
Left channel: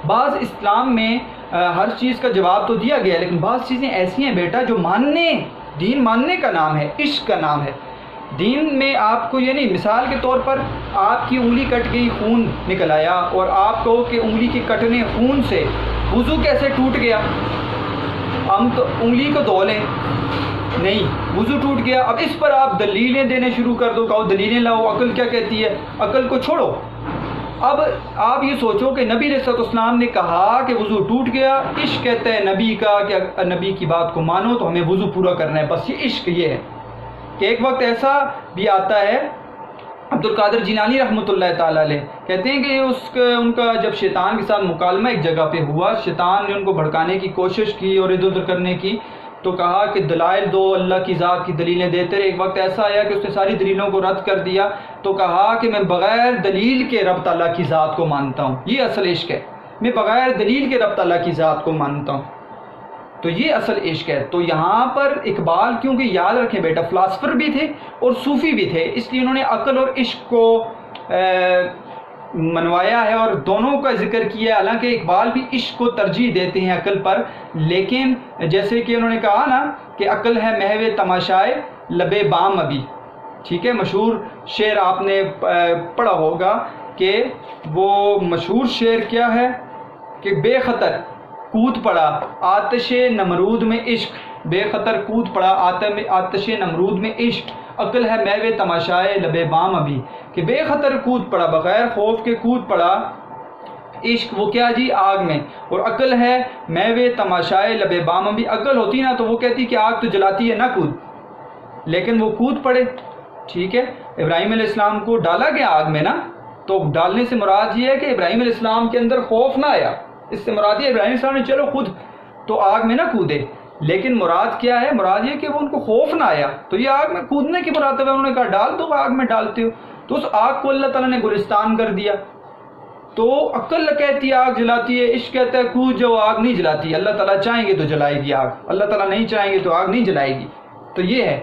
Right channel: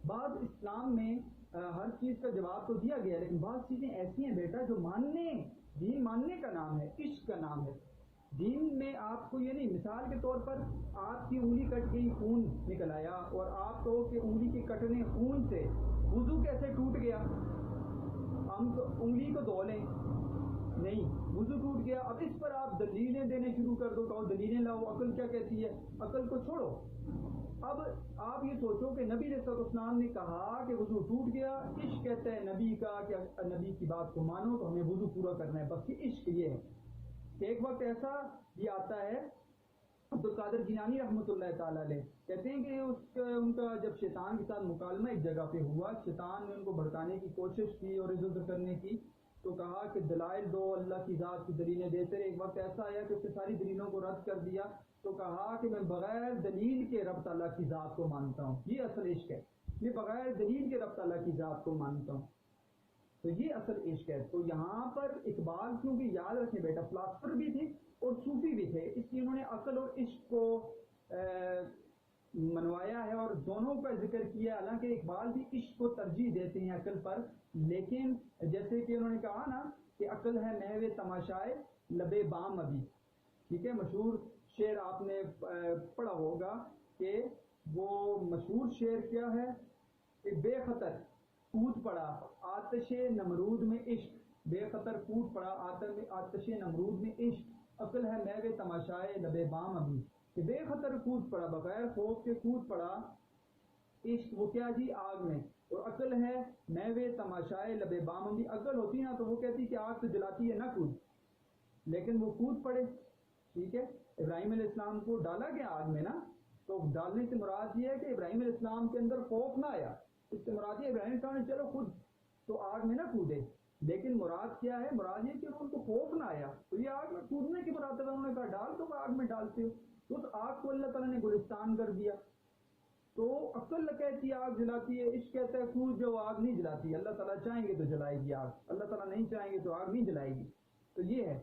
بعض اسلام میں ہر چیز کا جواب تو دیا گیا ہے، لیکن بعض چیزیں ایسی ہیں بیٹا جو ماننے، دین ماننے کا نام ہے، عشق کا نام ہے۔ دین میں آپ کو یہ نہیں، مثال کے طور پر آپ کی انگلی کٹ گئی، خون نکل آیا، اور آپ کہو کہ انگلی کے کٹنے خون سے وضو کیسے ٹوٹ گیا، ہم تو انگلی کو دھو لیں، نہیں، وضو ٹوٹ گیا۔ اب اس پر آپ دلیلیں دینے شروع کر دو، کہو دلیلیں لاؤ، عقل کیا کہتی ہے، عقل کو چھوڑو۔ اب آپ یہ سوچو کہ نبی علیہ السلام نے کہا کہ وضو ٹوٹ گیا، عشق کہتا ہے نبی کا کہ نبی کی بات کو مانو تو ہمیں وضو پورا کرنا ہے، بس یہ عشق یہ ہے۔ کہ ایک وقت ایسا بھی آتا ہے، عبد القادر جیلانی رحمۃ اللہ تعالیٰ علیہ کہتے ہیں کہ ان کا جب شیطان کے ساتھ مکالمہ ایک جگہ پہ ہوا، شیطان نے ان کو بھڑکانے کی کوشش کی اور ادھر ادھر کرنے کی، تو کہا کہ دلائل دو، اللہ کی ذات کی دلیلیں دیتے رہے۔ ایک وقت ایسا آیا کہ اس نے ساری دلیلوں کو رد کر دیا، تو کہا کہ میں بغیر دلیل کے رب تعالیٰ کی ذات کو مانتا ہوں، یہ اصل عشق ہے، میں بغیر دلیل کے رب تعالیٰ کی ذات کو مانتا ہوں، تو یہ اصل عشق ہے۔ تو یہاں پر اقبال، کیونکہ یاد رکھیں بیٹا فلاسفر بھی تھے اور صوفی بھی تھے، اس لیے انہوں نے عقل اور عشق کو منوایا ہے اور دونوں کا ذکر کیا ہے۔ حالانکہ اقبال بھی عشق کو ترجیح دیتے ہیں عقل پر، لیکن جیسے کہ انہوں نے کہا نا کہ عقل ہے محو تماشائے لب بام ابھی، ٹھیک ہے، مشہور شعر آپ نے پڑھا ہوگا کہ وہ مشہور شعر کیا ہے کہ بے خطر کود پڑا آتش نمرود میں عشق، بے خطر کود پڑا آتش نمرود میں عشق، عقل ہے محو تماشائے لب بام ابھی، کہ بے خطر کود پڑا، بغیر خوف کے کود پڑا عشق، وہ کیا جی، آگ میں، اور عقل ہے محو تماشائے لب بام ابھی، عقل ہوتی نا تو وہ کہتی کہ آگ تو جلاتی ہے نہ کود، لیکن وہ کود پڑے، ٹھیک ہے۔ ابراہیم علیہ السلام کو ڈالا گیا آگ میں نا، تو ڈالنے سے مراد یہ ہے کہ ابراہیم علیہ السلام کے اندر خوف نہ آیا، اس سے مراد یہ ابراہیم علیہ السلام نے چلو خود تو آگ میں نہ کودے، لیکن مراد کیا ہے، مراد یہ کہ وہ ان کو خوف نہ آیا، تو یہ آگ میں کودنے کی مراد ہے، انہوں نے کہا ڈال دو، آگ میں ڈالتے ہو، تو اس آگ کو اللہ تعالیٰ نے گلستان کر دیا۔ تو عقل کہتی ہے آگ جلاتی ہے، عشق کہتا ہے کود جو آگ نہیں جلاتی، اللہ تعالیٰ چاہیں گے تو جلائے گی آگ، اللہ تعالیٰ نہیں چاہیں گے تو آگ نہیں جلائے گی، تو یہ ہے۔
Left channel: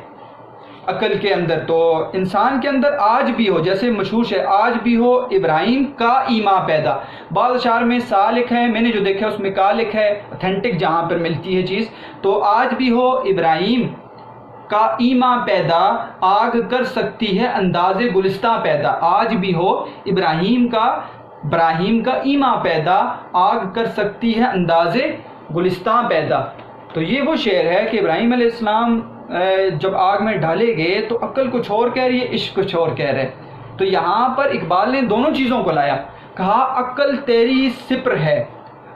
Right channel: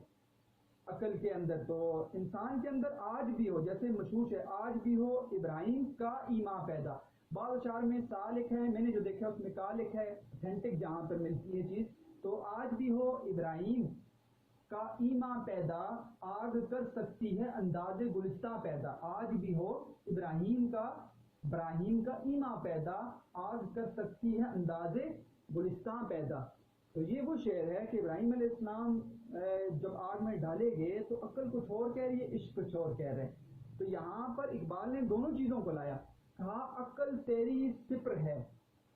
عقل کے اندر، تو انسان کے اندر آج بھی ہو، جیسے مشہور ہے آج بھی ہو ابراہیم کا ایمان پیدا. بعض اشعار میں سا لکھا ہے، میں نے جو دیکھا اس میں کا لکھا ہے، اتھینٹک جہاں پر ملتی ہے چیز. تو آج بھی ہو ابراہیم کا ایمان پیدا، آگ کر سکتی ہے انداز گلستہ پیدا. آج بھی ہو ابراہیم کا ایمان پیدا، آگ کر سکتی ہے انداز گلستہ پیدا. تو یہ وہ شعر ہے کہ ابراہیم علیہ السلام جب آگ میں ڈالے گئے تو عقل کچھ اور کہہ رہی ہے، عشق کچھ اور کہہ رہے. تو یہاں پر اقبال نے دونوں چیزوں کو لایا، کہا عقل تیری سپر ہے،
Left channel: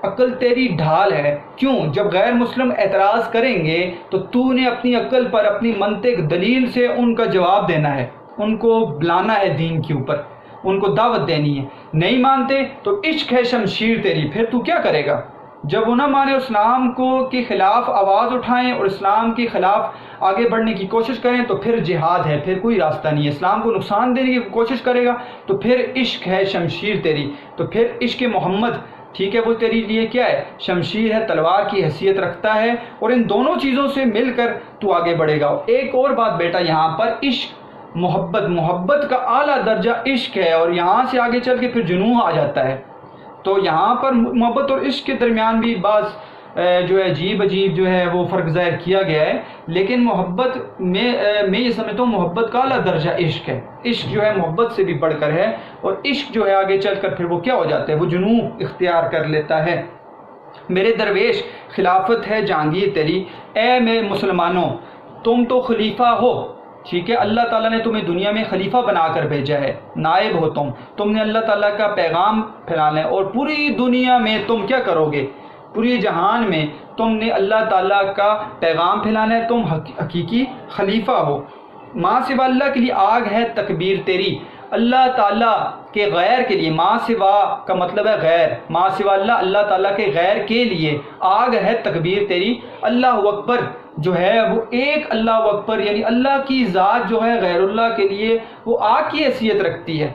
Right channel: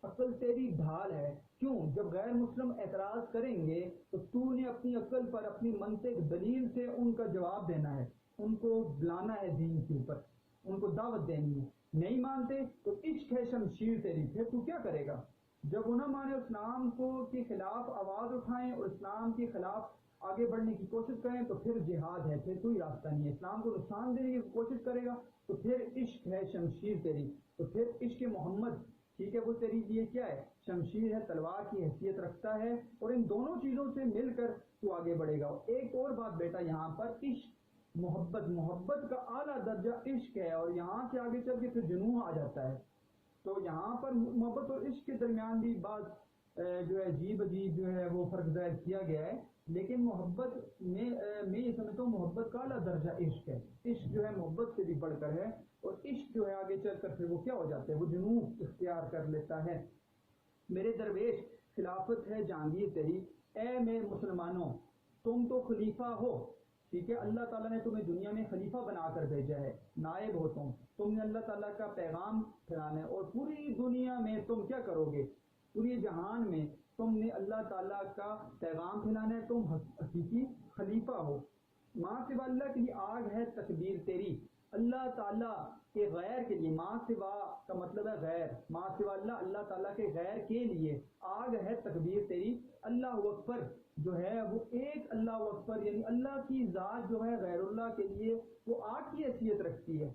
عقل تیری ڈھال ہے. کیوں؟ جب غیر مسلم اعتراض کریں گے تو نے اپنی عقل پر، اپنی منطق دلیل سے ان کا جواب دینا ہے، ان کو بلانا ہے دین کے اوپر، ان کو دعوت دینی ہے. نہیں مانتے تو عشق ہے شمشیر تیری، پھر تو کیا کرے گا؟ جب وہ نہ مانے، اسلام کے خلاف آواز اٹھائیں اور اسلام کے خلاف آگے بڑھنے کی کوشش کریں تو پھر جہاد ہے، پھر کوئی راستہ نہیں ہے. اسلام کو نقصان دینے کی کوشش کرے گا تو پھر عشق ہے شمشیر تیری، تو پھر عشق محمد، ٹھیک ہے، وہ تیری لیے کیا ہے؟ شمشیر ہے، تلوار کی حیثیت رکھتا ہے. اور ان دونوں چیزوں سے مل کر تو آگے بڑھے گا. ایک اور بات بیٹا، یہاں پر عشق محبت کا اعلیٰ درجہ عشق ہے، اور یہاں سے آگے چل کے پھر جنون آ جاتا ہے. تو یہاں پر محبت اور عشق کے درمیان بھی بعض جو ہے عجیب جو ہے وہ فرق ظاہر کیا گیا ہے. لیکن محبت میں یہ سمجھتا ہوں محبت کا اعلیٰ درجہ عشق ہے. عشق جو ہے محبت سے بھی بڑھ کر ہے، اور عشق جو ہے آگے چل کر پھر وہ کیا ہو جاتا ہے؟ وہ جنون اختیار کر لیتا ہے. میرے درویش خلافت ہے جہانگیر تیری، اے میں مسلمانوں تم تو خلیفہ ہو، ٹھیک ہے، اللہ تعالیٰ نے تمہیں دنیا میں خلیفہ بنا کر بھیجا ہے، نائب ہو تم نے اللہ تعالیٰ کا پیغام پھیلانا ہے، اور پوری دنیا میں تم کیا کرو گے؟ پوری جہان میں تم نے اللہ تعالیٰ کا پیغام پھیلانا ہے، تم حقیقی خلیفہ ہو. ماں سوا اللہ کے لیے آگ ہے تکبیر تیری، اللہ تعالیٰ کے غیر کے لیے، ماں سوا کا مطلب ہے غیر، ماں سوا اللہ تعالیٰ کے غیر کے لیے آگ ہے تکبیر تیری. اللہ اکبر جو ہے وہ ایک اللہ اکبر، یعنی اللہ کی ذات جو ہے غیر اللہ کے لیے وہ آگ کی حیثیت رکھتی ہے.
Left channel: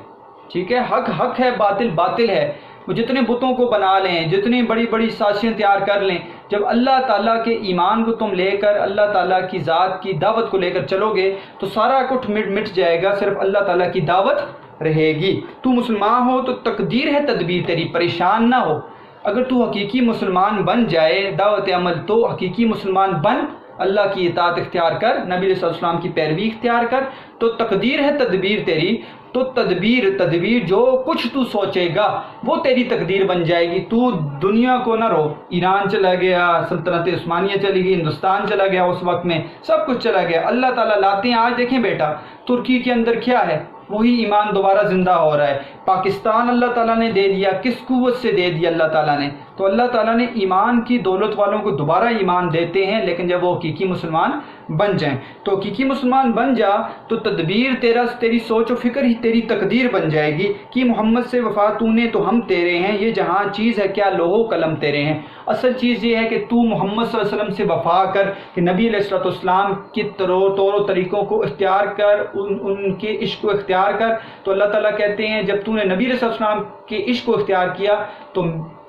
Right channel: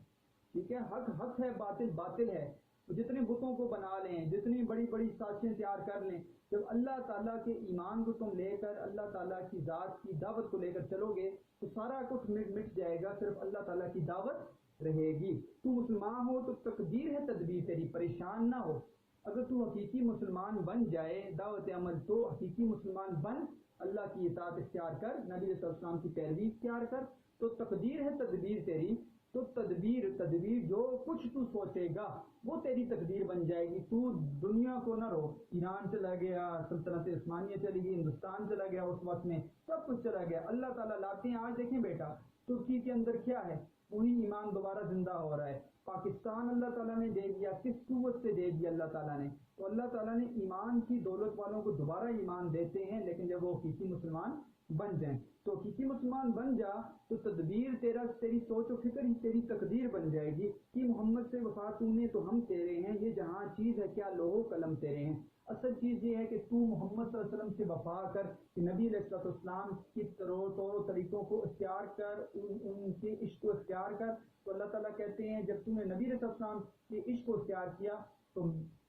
ٹھیک ہے، حق ہے، باطل ہے. وہ جتنے بتوں کو بنا لیں، جتنی بڑی سازشیں تیار کر لیں، جب اللہ تعالیٰ کے ایمان کو تم لے کر اللہ تعالیٰ کی ذات کی دعوت کو لے کر چلو گے تو سارا کچھ مٹ جائے گا، صرف اللہ تعالیٰ کی دعوت رہے گی. تو مسلمان ہو تو تقدیر ہے تدبیر تیری، پریشان نہ ہو. اگر تو حقیقی مسلمان بن جائے، دعوت عمل تو حقیقی مسلمان بن، اللہ کی اطاعت اختیار کر، نبی صلی اللہ علیہ وسلم کی پیروی اختیار کر، تو تقدیر ہے تدبیر تیری. تو تدبیر جو کچھ تو سوچے گا وہ تیری تقدیر بن جائے گی. تو دنیا کو نہ رو، ایران چلا گیا، سلطنت عثمانیہ چلی گئی، ہندوستان چلا گیا، اس وقت میں سب کچھ چلا گیا، اللہ تعالیٰ لاتے ہیں. آج دیکھیں بیٹا ترکی کے اندر کیا ہے، وہی ایمان دوبارہ زندہ ہو رہا ہے. پاکستان اللہ تعالیٰ نے دے دیا، کس قوت سے دے دیا اللہ تعالیٰ نے؟ تو اللہ تعالیٰ نے ایمان کی دولت والوں کو دوبارہ ایمان دیتے ہیں، لیکن جب وہ حقیقی مسلمان بن جائیں. تو حقیقی مسلمان بن جا تو تدبیر تیری سوچ و فکر ہی تیری تقدیر بن جائے گی کہ محمد سے وفا تو نے تو ہم تیرے ہیں، یہ جہاں چیز ہے کیا لوح و قلم تیرے ہیں. اصل چیز یہ ہے کہ تو محمد صلی اللہ علیہ وسلم سے وفا کر، کہ نبی علیہ السلام کی طور و طریقوں کو اختیار کر، ان کے عشق کو اختیار کر. تو اللہ تعالیٰ کہتے ہیں جب تو نے نبی علیہ السلام کے عشق کو اختیار کیا تو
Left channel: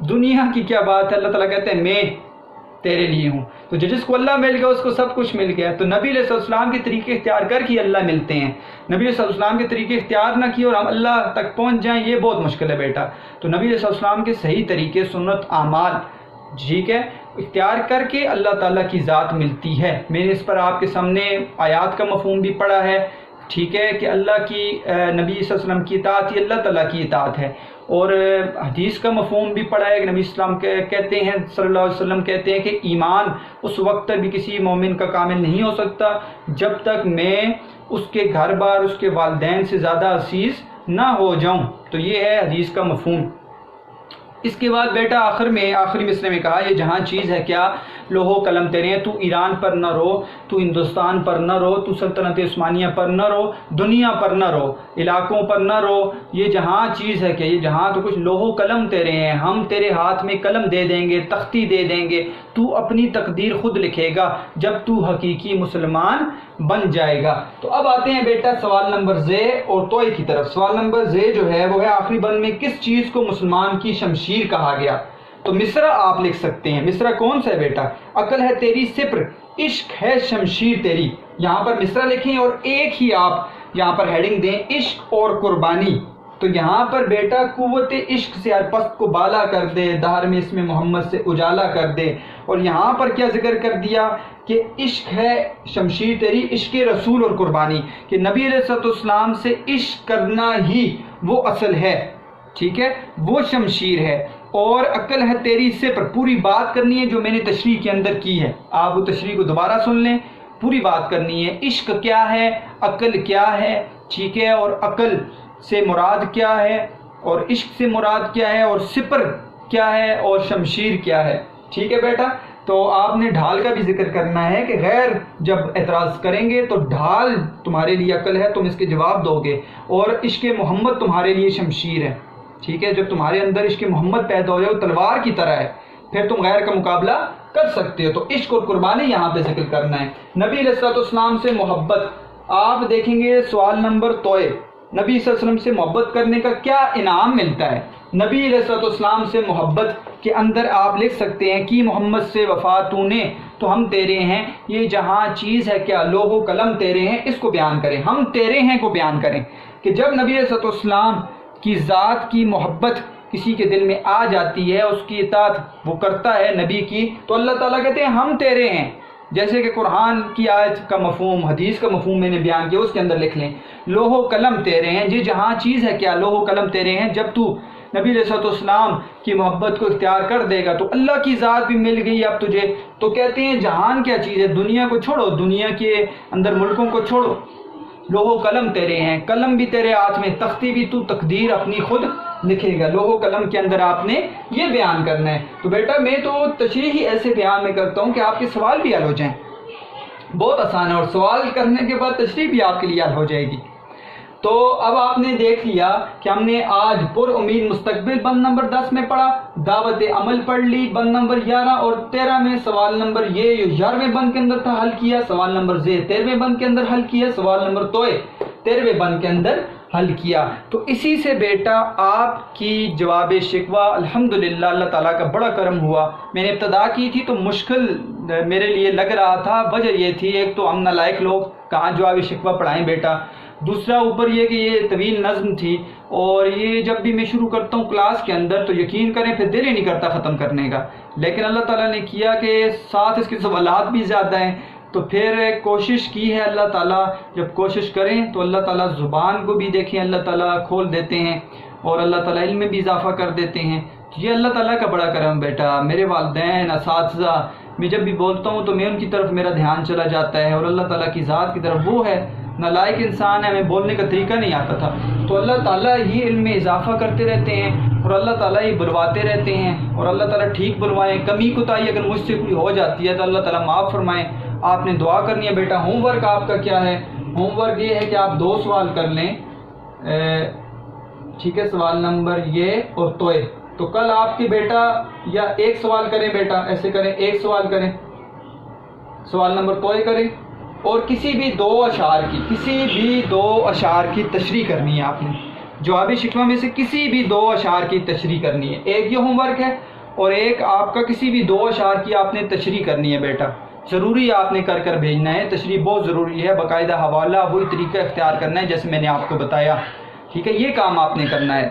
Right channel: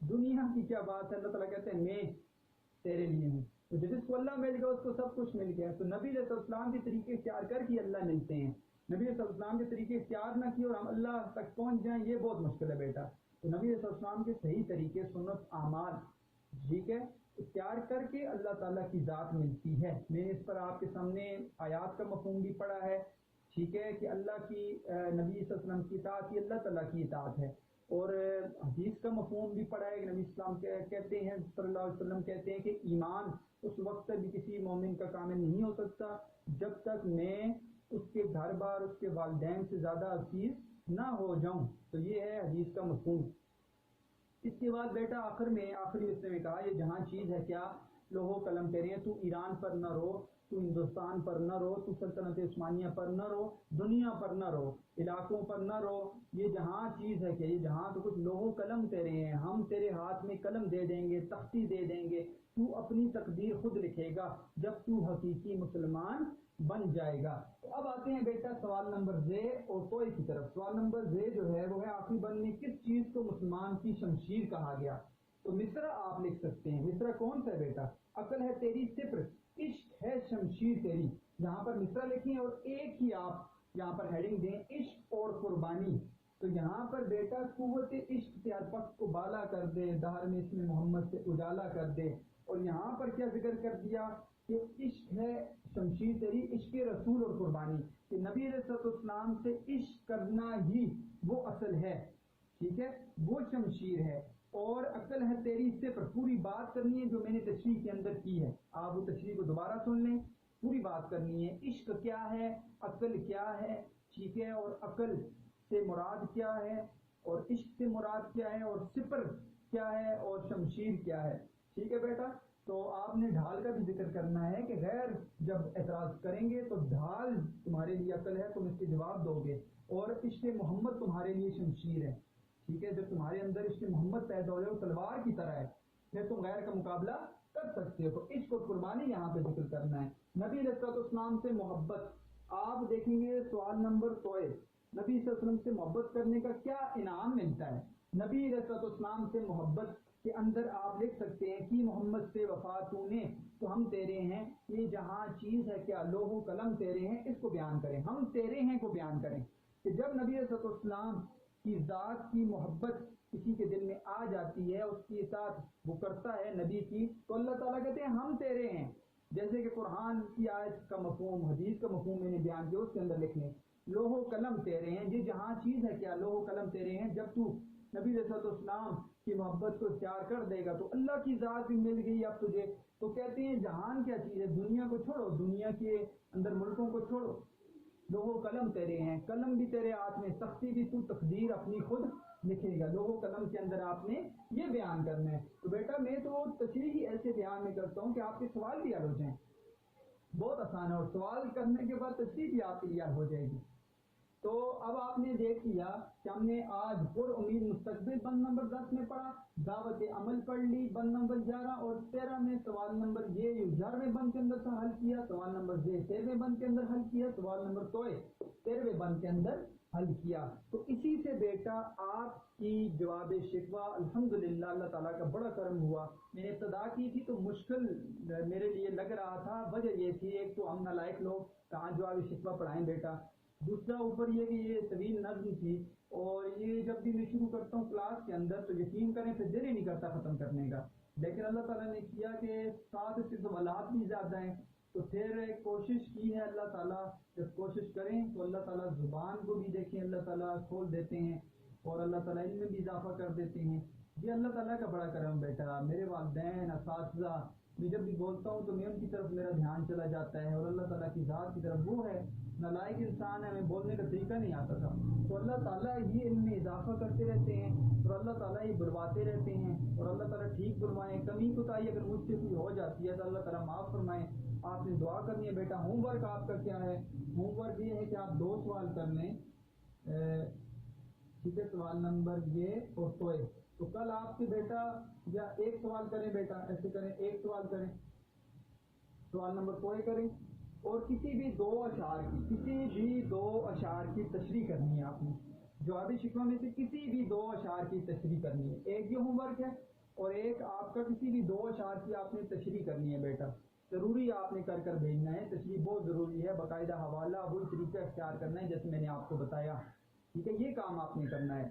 دنیا کی کیا بات ہے، اللہ تعالیٰ کہتے ہیں میں تیرے لیے ہوں. تو جس کو اللہ مل گیا اس کو سب کچھ مل گیا. تو نبی علیہ السلام کے طریقے اختیار کر کے اللہ ملتے ہیں. نبی علیہ السلام کے طریقے اختیار نہ کیے اور ہم اللہ تک پہنچ جائیں، یہ بہت مشکل ہے بیٹا. تو نبی علیہ السلام کے صحیح طریقے، سنت، اعمال، ٹھیک ہے، اختیار کر کے اللہ تعالیٰ کی ذات ملتی ہے. میں نے اس پر آپ کے سامنے آیات کا مفہوم بھی پڑھا ہے، ٹھیک ہے، کہ اللہ کی نبی صلی اللہ علیہ وسلم کی اطاعت ہی اللہ تعالیٰ کی اطاعت ہے. اور حدیث کا مفہوم بھی پڑھا ہے کہ نبی اسلام کہتے ہیں صلی اللہ علیہ وسلم کہتے ہیں کہ ایمان اس وقت تک بھی کسی مومن کا کامل نہیں ہو سکتا جب تک میں اس کے گھر بار، اس کے والدین سے زیادہ عزیز نہ ہو جاؤں. تو یہ ہے حدیث کا مفہوم. اس کے بعد بیٹا آخری مصرے میں کہا یہ جہاں چیز ہے کیا لوح و قلم تیرے ہیں. تو ایران پر نہ رو، تو ہندوستان پر نہ رو، تو سلطنت عثمانیہ پر نہ رو، دنیا پر نہ رو، علاقوں پر نہ رو. یہ جہاں چیز ہے کہ یہ جہاں تو کچھ لوح و قلم تیرے ہیں، ہم تیرے ہاتھ میں قلم دے دیں گے، تختی دے دیں گے، تو اپنی تقدیر خود لکھے گا جب تو حقیقی مسلمان بن جائے گا. تو اب آتے ہیں بیٹا سوال نمبر زے اور توئے کی طرف. سوال نمبر زے جو ہے وہ ہے آخری بند میں کس چیز کو مسلمان کی شمشیر کہا گیا؟ تو مصرع آپ لکھ سکتے ہیں. مصرع کون سا ہے بیٹا؟ عقل ہے تیری سپر، عشق ہے شمشیر تیری، یہاں پر مصرع لکھیں اور ایک ہی آپ یہاں پر ہیڈنگ دیں عشق اور قربانی. تو یہاں پر بیٹا قوت عشق سے ہر پست کو بالا کر دے، دہر میں اسم محمد سے اجالا کر دے. اور یہاں پر کیا ذکر کر دیا کہ عشق ہے شمشیر تیری، عشق رسول اور قربانی، کہ نبی علیہ الصلوۃ والسلام سے عشق کرنا ہی وہ اصل ہے، ٹھیک ہے، وہ شمشیر ہے. اور عقل ہے تیری سے پر پوری بات کرنی ہے جو میں نے تشریح کے اندر کی ہے، آپ وہ تشریح کو دوبارہ سن لیں، پوری بات کرنی ہے. عشق کیا ہے، عقل کیا ہے، ٹھیک ہے، اور عقل سے مراد کیا ہے، اور عشق سے مراد کیا ہے، اور سپر کیا ہے، اور شمشیر کیا ہے. ٹھیک ہے بیٹا، تو آپ نے ڈھال کا بھی ذکر کرنا ہے کہ غیر جب اعتراض کریں گے تو ڈھال تمہارے لیے عقل ہے، تم اس کے جواب دو گے، اور عشق محمد تمہارے لیے شمشیر ہے. ٹھیک ہے، جب تمہارے اندر عشق محمد پیدا ہو جائے وہ تلوار کی طرح ہے، پھر تم غیر کا مقابلہ کر سکتے ہو. تو عشق اور قربانی یہاں پہ ذکر کرنا ہے. نبی علیہ الصلوۃ والسلام سے محبت، آپ دیکھیں گے سوال نمبر توئے، نبی صلی اللہ علیہ وسلم سے محبت کرنے کا کیا انعام ملتا ہے. نبی علیہ الصلوۃ والسلام سے محبت کے اندر آپ لکھ سکتے ہیں کہ محمد سے وفا تو نے تو ہم تیرے ہیں، یہ جہاں چیز ہے کیا لوح و قلم تیرے ہیں، اس کو بیان کریں، ہم تیرے ہیں کو بیان کریں. کہ جب نبی علیہ الصلوۃ والسلام کی ذات کی محبت کسی کے دل میں آ جاتی ہے، اس کی اطاعت وہ کرتا ہے نبی کی، تو اللہ تعالیٰ کہتے ہیں ہم تیرے ہیں. جیسے کہ قرآن کی آیت کا مفہوم، حدیث کا مفہوم میں نے بیان کیا، اس کے اندر لکھ لیں لوح و قلم تیرے ہیں، یہ جہاں چیز ہے کیا لوح و قلم تیرے ہیں. جب تو نبی علیہ الصلوۃ والسلام کی محبت کو اختیار کر دے گا تو اللہ کی ذات بھی مل گئی اب تجھے. تو کہتے ہیں جہان کیا چیز ہے، دنیا کو چھوڑو، دنیا کے اندر ملکوں کو چھوڑو، لوح و قلم تیرے ہیں، قلم بھی تیرے ہاتھ میں، تختی بھی تو تقدیر اپنی خود لکھے گا. لوح و قلم کے اندر آپ نے یہ بیان کرنا ہے. تو بیٹا میں تو تشریح ہی ایسے بیان میں کرتا ہوں کہ آپ کے سوال بھی حل ہو جائیں، بہت آسان ہے، اور سوال کرنے کے بعد تشریح بھی آپ کے لیے حل ہو جائے گی. تو اب آپ نے دیکھ لیا کہ ہم نے آج پر امید مستقبل بند نمبر 10 میں پڑھا، دعوت عمل پڑھ لی بند نمبر 11 اور 13 میں، سوال نمبر یہ 11ویں بند کے اندر تھا حل کیا، سوال نمبر 13ویں بند کے اندر حل کیا، سوال نمبر 13ویں بند کے اندر حل کیا. تو اسی سے بیٹا آپ کی جواب شکوہ الحمدللہ اللہ تعالیٰ کا بڑا کرم ہوا. میں نے ابتدا کی تھی تو مشکل میرے لیے لگ رہا تھا، وجہ یہ تھی ایک تو ہم نالائق لوگ کہاں جواب شکوہ پڑھائیں بیٹا، دوسرا اوپر یہ کہ یہ طویل نظم تھی، اور یہ جب بھی میں شروع کرتا ہوں کلاس کے اندر تو یقین کریں پھر دل ہی نہیں کرتا ختم کرنے کا. لیکن اللہ تعالیٰ نے کیا کہ ساتھ اس کے سوالات بھی زیادہ ہیں، تو پھر کوشش کی ہے اللہ تعالیٰ، جب کوشش کریں تو اللہ تعالیٰ زبان کو بھی دیکھیں اللہ تعالیٰ کھول دیتے ہیں، اور اللہ تعالیٰ علم میں بھی اضافہ کر دیتے ہیں. یہ اللہ تعالیٰ کا بڑا کرم بیٹا. میرے والدین، اساتذہ، میں جب بھی بولتا ہوں تو میں ان کی طرف میرا دھیان چلا جاتا ہے، اور اللہ تعالیٰ کی ذات کی طرف. وہ ہے نالائق انسان ہے، ہمیں بولنے کا طریقہ نہیں آتا تھا، تو اللہ تعالیٰ ہی علم میں اضافہ کرتے رہتے ہیں، اور اللہ تعالیٰ ہی بلواتے رہتے ہیں، اور اللہ تعالیٰ ٹھیک بلوائیں. کمی کوتاہی اگر مجھ سے کوئی ہو جاتی ہے تو اللہ تعالیٰ معاف فرمائیں. آپ نے دعا کرنی ہے بیٹا. ہوم ورک آپ کا کیا ہے؟ ہوم ورک یہ ہے کہ آپ 2 سوال کر لیں، ٹھیک ہے، سوال نمبر یہ اور توئے. تو کل آپ کی بیٹا یا 1 سوال کریں بیٹا، ایسے کریں 1 سوال کریں، سوال نمبر توئے کریں، اور کسی بھی 2 اشعار کی تشریح کرنی ہے. آپ نے جواب شکوہ میں سے کسی بھی 2 اشعار کی تشریح کرنی ہے. ایک یہ ہوم ورک ہے، اور ایک آپ کا کسی بھی 2 اشعار کی آپ نے تشریح کرنی ہے بیٹا. ضروری آپ نے کر بھیجنا ہے، تشریح بہت ضروری ہے، باقاعدہ حوالہ وہی طریقہ اختیار کرنا ہے جیسے میں نے آپ کو بتایا. ٹھیک ہے، یہ کام آپ نے کرنا ہے،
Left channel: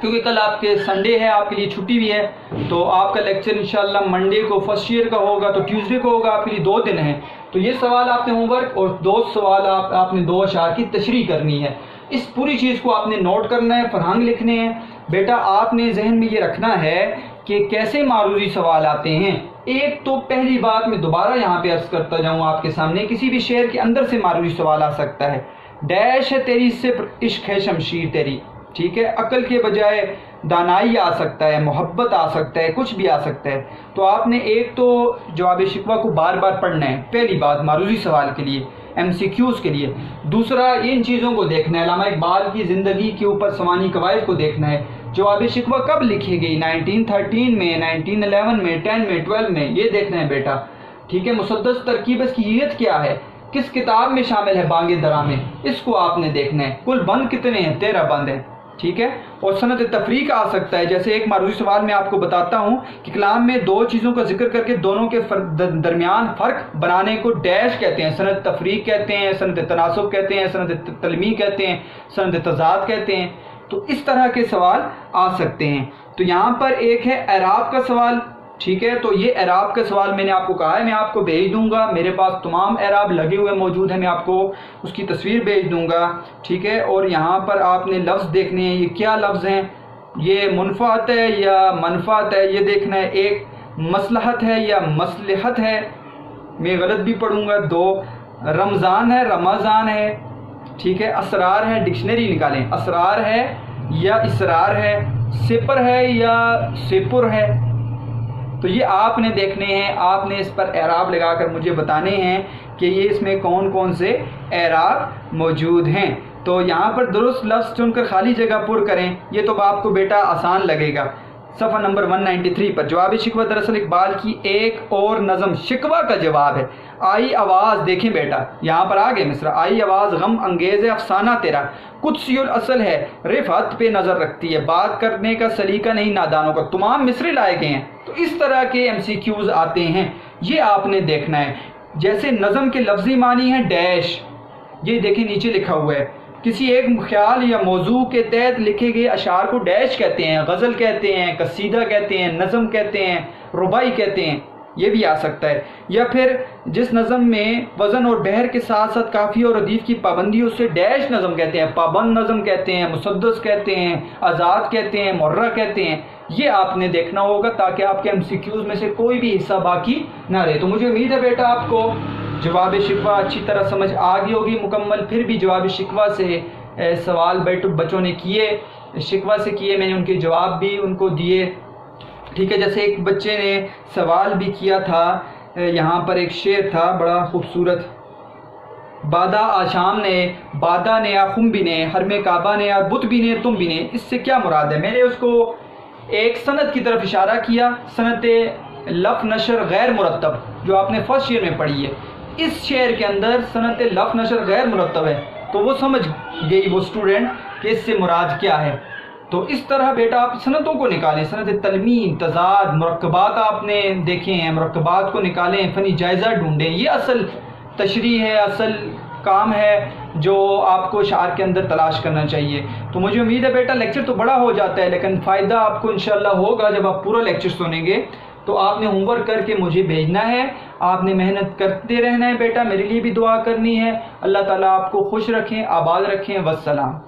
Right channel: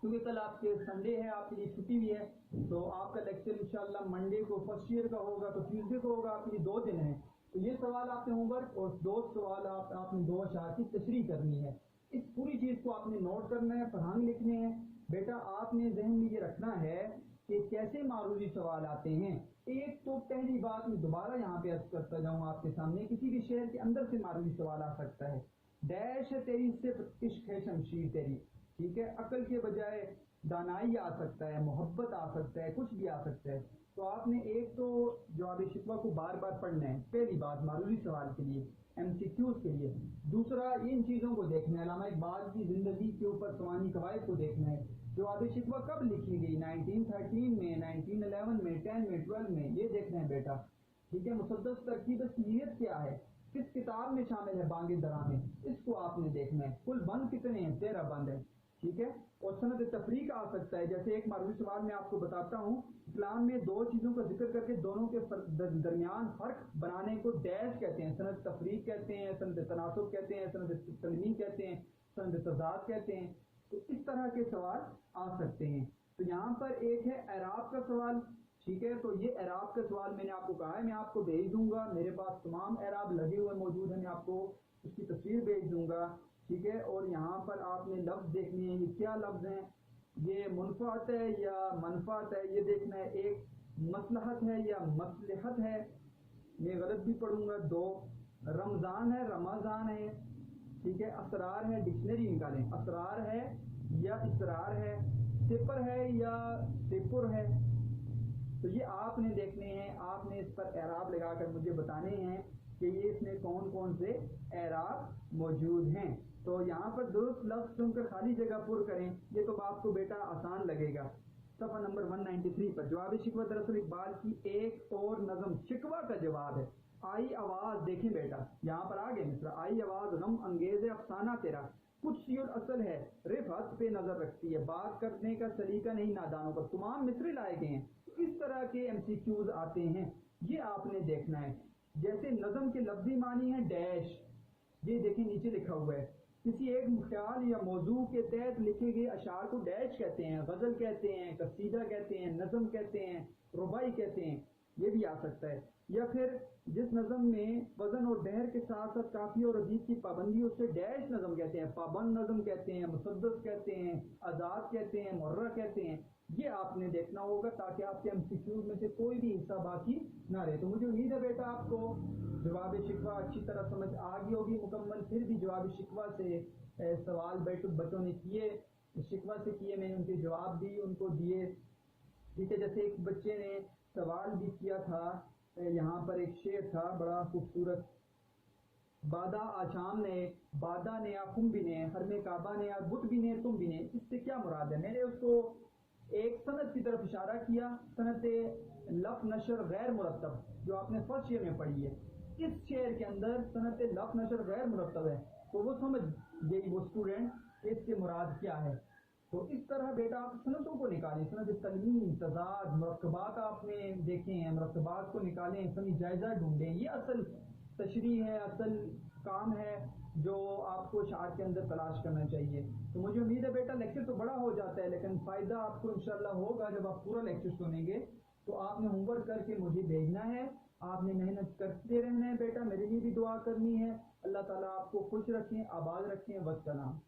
کیونکہ کل آپ کے سنڈے ہے، آپ کے لیے چھٹی بھی ہے، تو آپ کا لیکچر انشاءاللہ منڈے کو فرسٹ ایئر کا ہوگا، تو ٹیوزڈے کو ہوگا، آپ کے لیے 2 دن ہیں. تو یہ سوال آپ نے ہوم ورک، اور 2 سوال آپ نے 2 اشعار کی تشریح کرنی ہے. اس پوری چیز کو آپ نے نوٹ کرنا ہے، فرہنگ لکھنے ہیں بیٹا. آپ نے ذہن میں یہ رکھنا ہے کہ کیسے معروضی سوال آتے ہیں. ایک تو پہلی بات میں دوبارہ یہاں پہ عرض کرتا جاؤں آپ کے سامنے، کسی بھی شعر کے اندر سے معروضی سوال آ سکتا ہے. ڈیش ہے تیری صفر عشق ہے شمشیر تیری، ٹھیک ہے، عقل کے بجائے دانائی آ سکتا ہے، محبت آ سکتا ہے، کچھ بھی آ سکتا ہے. تو آپ نے ایک تو جواب شکوہ کو بار بار پڑھنا ہے، پہلی بات معروضی سوال کے لیے، MCQs کے لیے. دوسرا ان چیزوں کو دیکھنا ہے، علامہ اقبال کی زندگی کے اوپر سوانی قواعد کو دیکھنا ہے. جواب شکوہ کب لکھی گئی، 1913 میں، 1911 میں، 10 میں، 12 میں، یہ دیکھنا ہے بیٹا. ٹھیک ہے، مسدس ترکیب اس کی نیت کیا ہے، کس کتاب میں شامل ہے بانگ درا میں، اس کو آپ نے دیکھنا ہے. کل بند کتنے ہیں، 13 بند ہیں. ٹھیک ہے. اور سند تفریق آ سکتا ہے. جیسے ایک معروضی سوال میں آپ کو بتاتا ہوں کہ کلام میں دو چیزوں کا ذکر کر کے دونوں کے درمیان فرق بنانے کو ڈیش کہتے ہیں. سند تفریق کہتے ہیں, سند تناسب کہتے ہیں, سند تلمیح کہتے ہیں, سند تضاد کہتے ہیں. تو اس طرح کے سوال آ سکتے ہیں. تو یہاں پر ایک ہے اعراب کا سوال. ٹھیک ہے, تو یہ اعراب کا سوال میں نے آپ کو کہا ہے میں آپ کو بھیج دوں گا. میرے پاس تمام اعراب لگے ہوئے موجود ہیں, میں آپ کو اس کی تصویر بھیج دوں گا. ٹھیک ہے, اور یہاں پر آپ نے لفظ دیکھنے ہیں, یہ کیا لفظ ہیں, یہ منفعت ہے یا منفعت ہے, یہ دیکھنا ہے. ایک مصلحت ہے یا مصلحت ہے, میں غلط بھی پڑھوں گا. دو رمضان ہے, رمضان ہے. ٹھیک ہے, اسرار ہے, ڈکشنری نکالیں. اسرار ہے یا اسرار ہے, سپر ہے یا سپر ہے. تو یہ آپ نے دیکھنے ہیں, آپ نے اس پر اعراب لگا کر مجھے بتانے ہیں کہ یہ اس میں کون کون سے اعراب موجود ہیں. تو یہاں پر درست لفظ چن کر خالی جگہ پر کریں. یہ تو آپ کو بیٹا آسان لگے گا. صفحہ نمبر 193 پر جواب شکوہ دراصل اقبال کی ایک اور نظم شکوہ کا جواب ہے. آئی آواز, دیکھیں بیٹا یہاں پر آگے مصرع, آئی آواز غم انگیز افسانہ تیرا, قدسی الاصل ہے رفعت پہ نظر رکھتی ہے, بات کرنے کا سلیقہ نہیں نادانوں کا. تمام مصرے لائے گئے ہیں. تو اس طرح کے MCQs آتے ہیں, یہ آپ نے دیکھنا ہے. جیسے نظم کے لفظی معنی ہیں ڈیش, یہ دیکھیں نیچے لکھا ہوا ہے. کسی ایک خیال یا موضوع کے تحت لکھے گئے اشعار کو ڈیش کہتے ہیں, غزل کہتے ہیں, قصیدہ کہتے ہیں, نظم کہتے ہیں, ربائی کہتے ہیں. یہ بھی آ سکتا ہے. یا پھر جس نظم میں وزن اور بحر کے ساتھ ساتھ قافیہ اور ردیف کی پابندی, اسے ڈیش نظم کہتے ہیں, پابند نظم کہتے ہیں, مسدس کہتے ہیں, آزاد کہتے ہیں, مرہ کہتے ہیں. یہ آپ نے دیکھنا ہوگا تاکہ آپ کے MCQs میں سے کوئی بھی حصہ باقی نہ رہے. تو مجھے امید ہے بیٹا آپ کو جواب شکوہ اچھی طرح سمجھ آ گئی ہوگی مکمل. پھر بھی جواب شکوہ سے سوال بچوں نے کیے, شکوہ سے کیے, میں نے ان کے جواب بھی ان کو دیے. ٹھیک ہے, جیسے ایک بچے نے سوال بھی کیا تھا, یہاں پر ایک شعر تھا بڑا خوبصورت. بادا آشام نے, بادا نے یا خم بھی نے, حرم کعبہ نے یا بت بھی نے, تم بھی نے, اس سے کیا مراد ہے؟ میں نے اس کو ایک سند کی طرف اشارہ کیا, سند لف نشر غیر مرتب جو آپ نے فرسٹ شعر میں پڑھی ہے. اس شعر کے اندر سند لف نشر غیر مرتب ہے, تو وہ سمجھ گئی وہ اسٹوڈنٹ کہ اس سے مراد کیا ہے. تو اس طرح بیٹا آپ سندوں کو نکالیں. سند تلمین, تضاد, مرکبات آپ نے دیکھے ہیں, مرکبات کو نکالیں, فنی جائزہ ڈھونڈیں. یہ اصل تشریح ہے, اصل کام ہے جو آپ کو اشعار کے اندر تلاش کرنا چاہیے. تو مجھے امید ہے بیٹا لیکچر تو بڑا ہو جاتا ہے لیکن فائدہ آپ کو انشاءاللہ ہوگا جب آپ پورا لیکچر سنیں گے. تو آپ نے ہوم ورک کر کے مجھے بھیجنا ہے, آپ نے محنت کرتے رہنا ہے بیٹا, میرے لیے بھی دعا کرنی ہے. اللہ تعالیٰ آپ کو خوش رکھیں, آباد رکھیں. والسلام.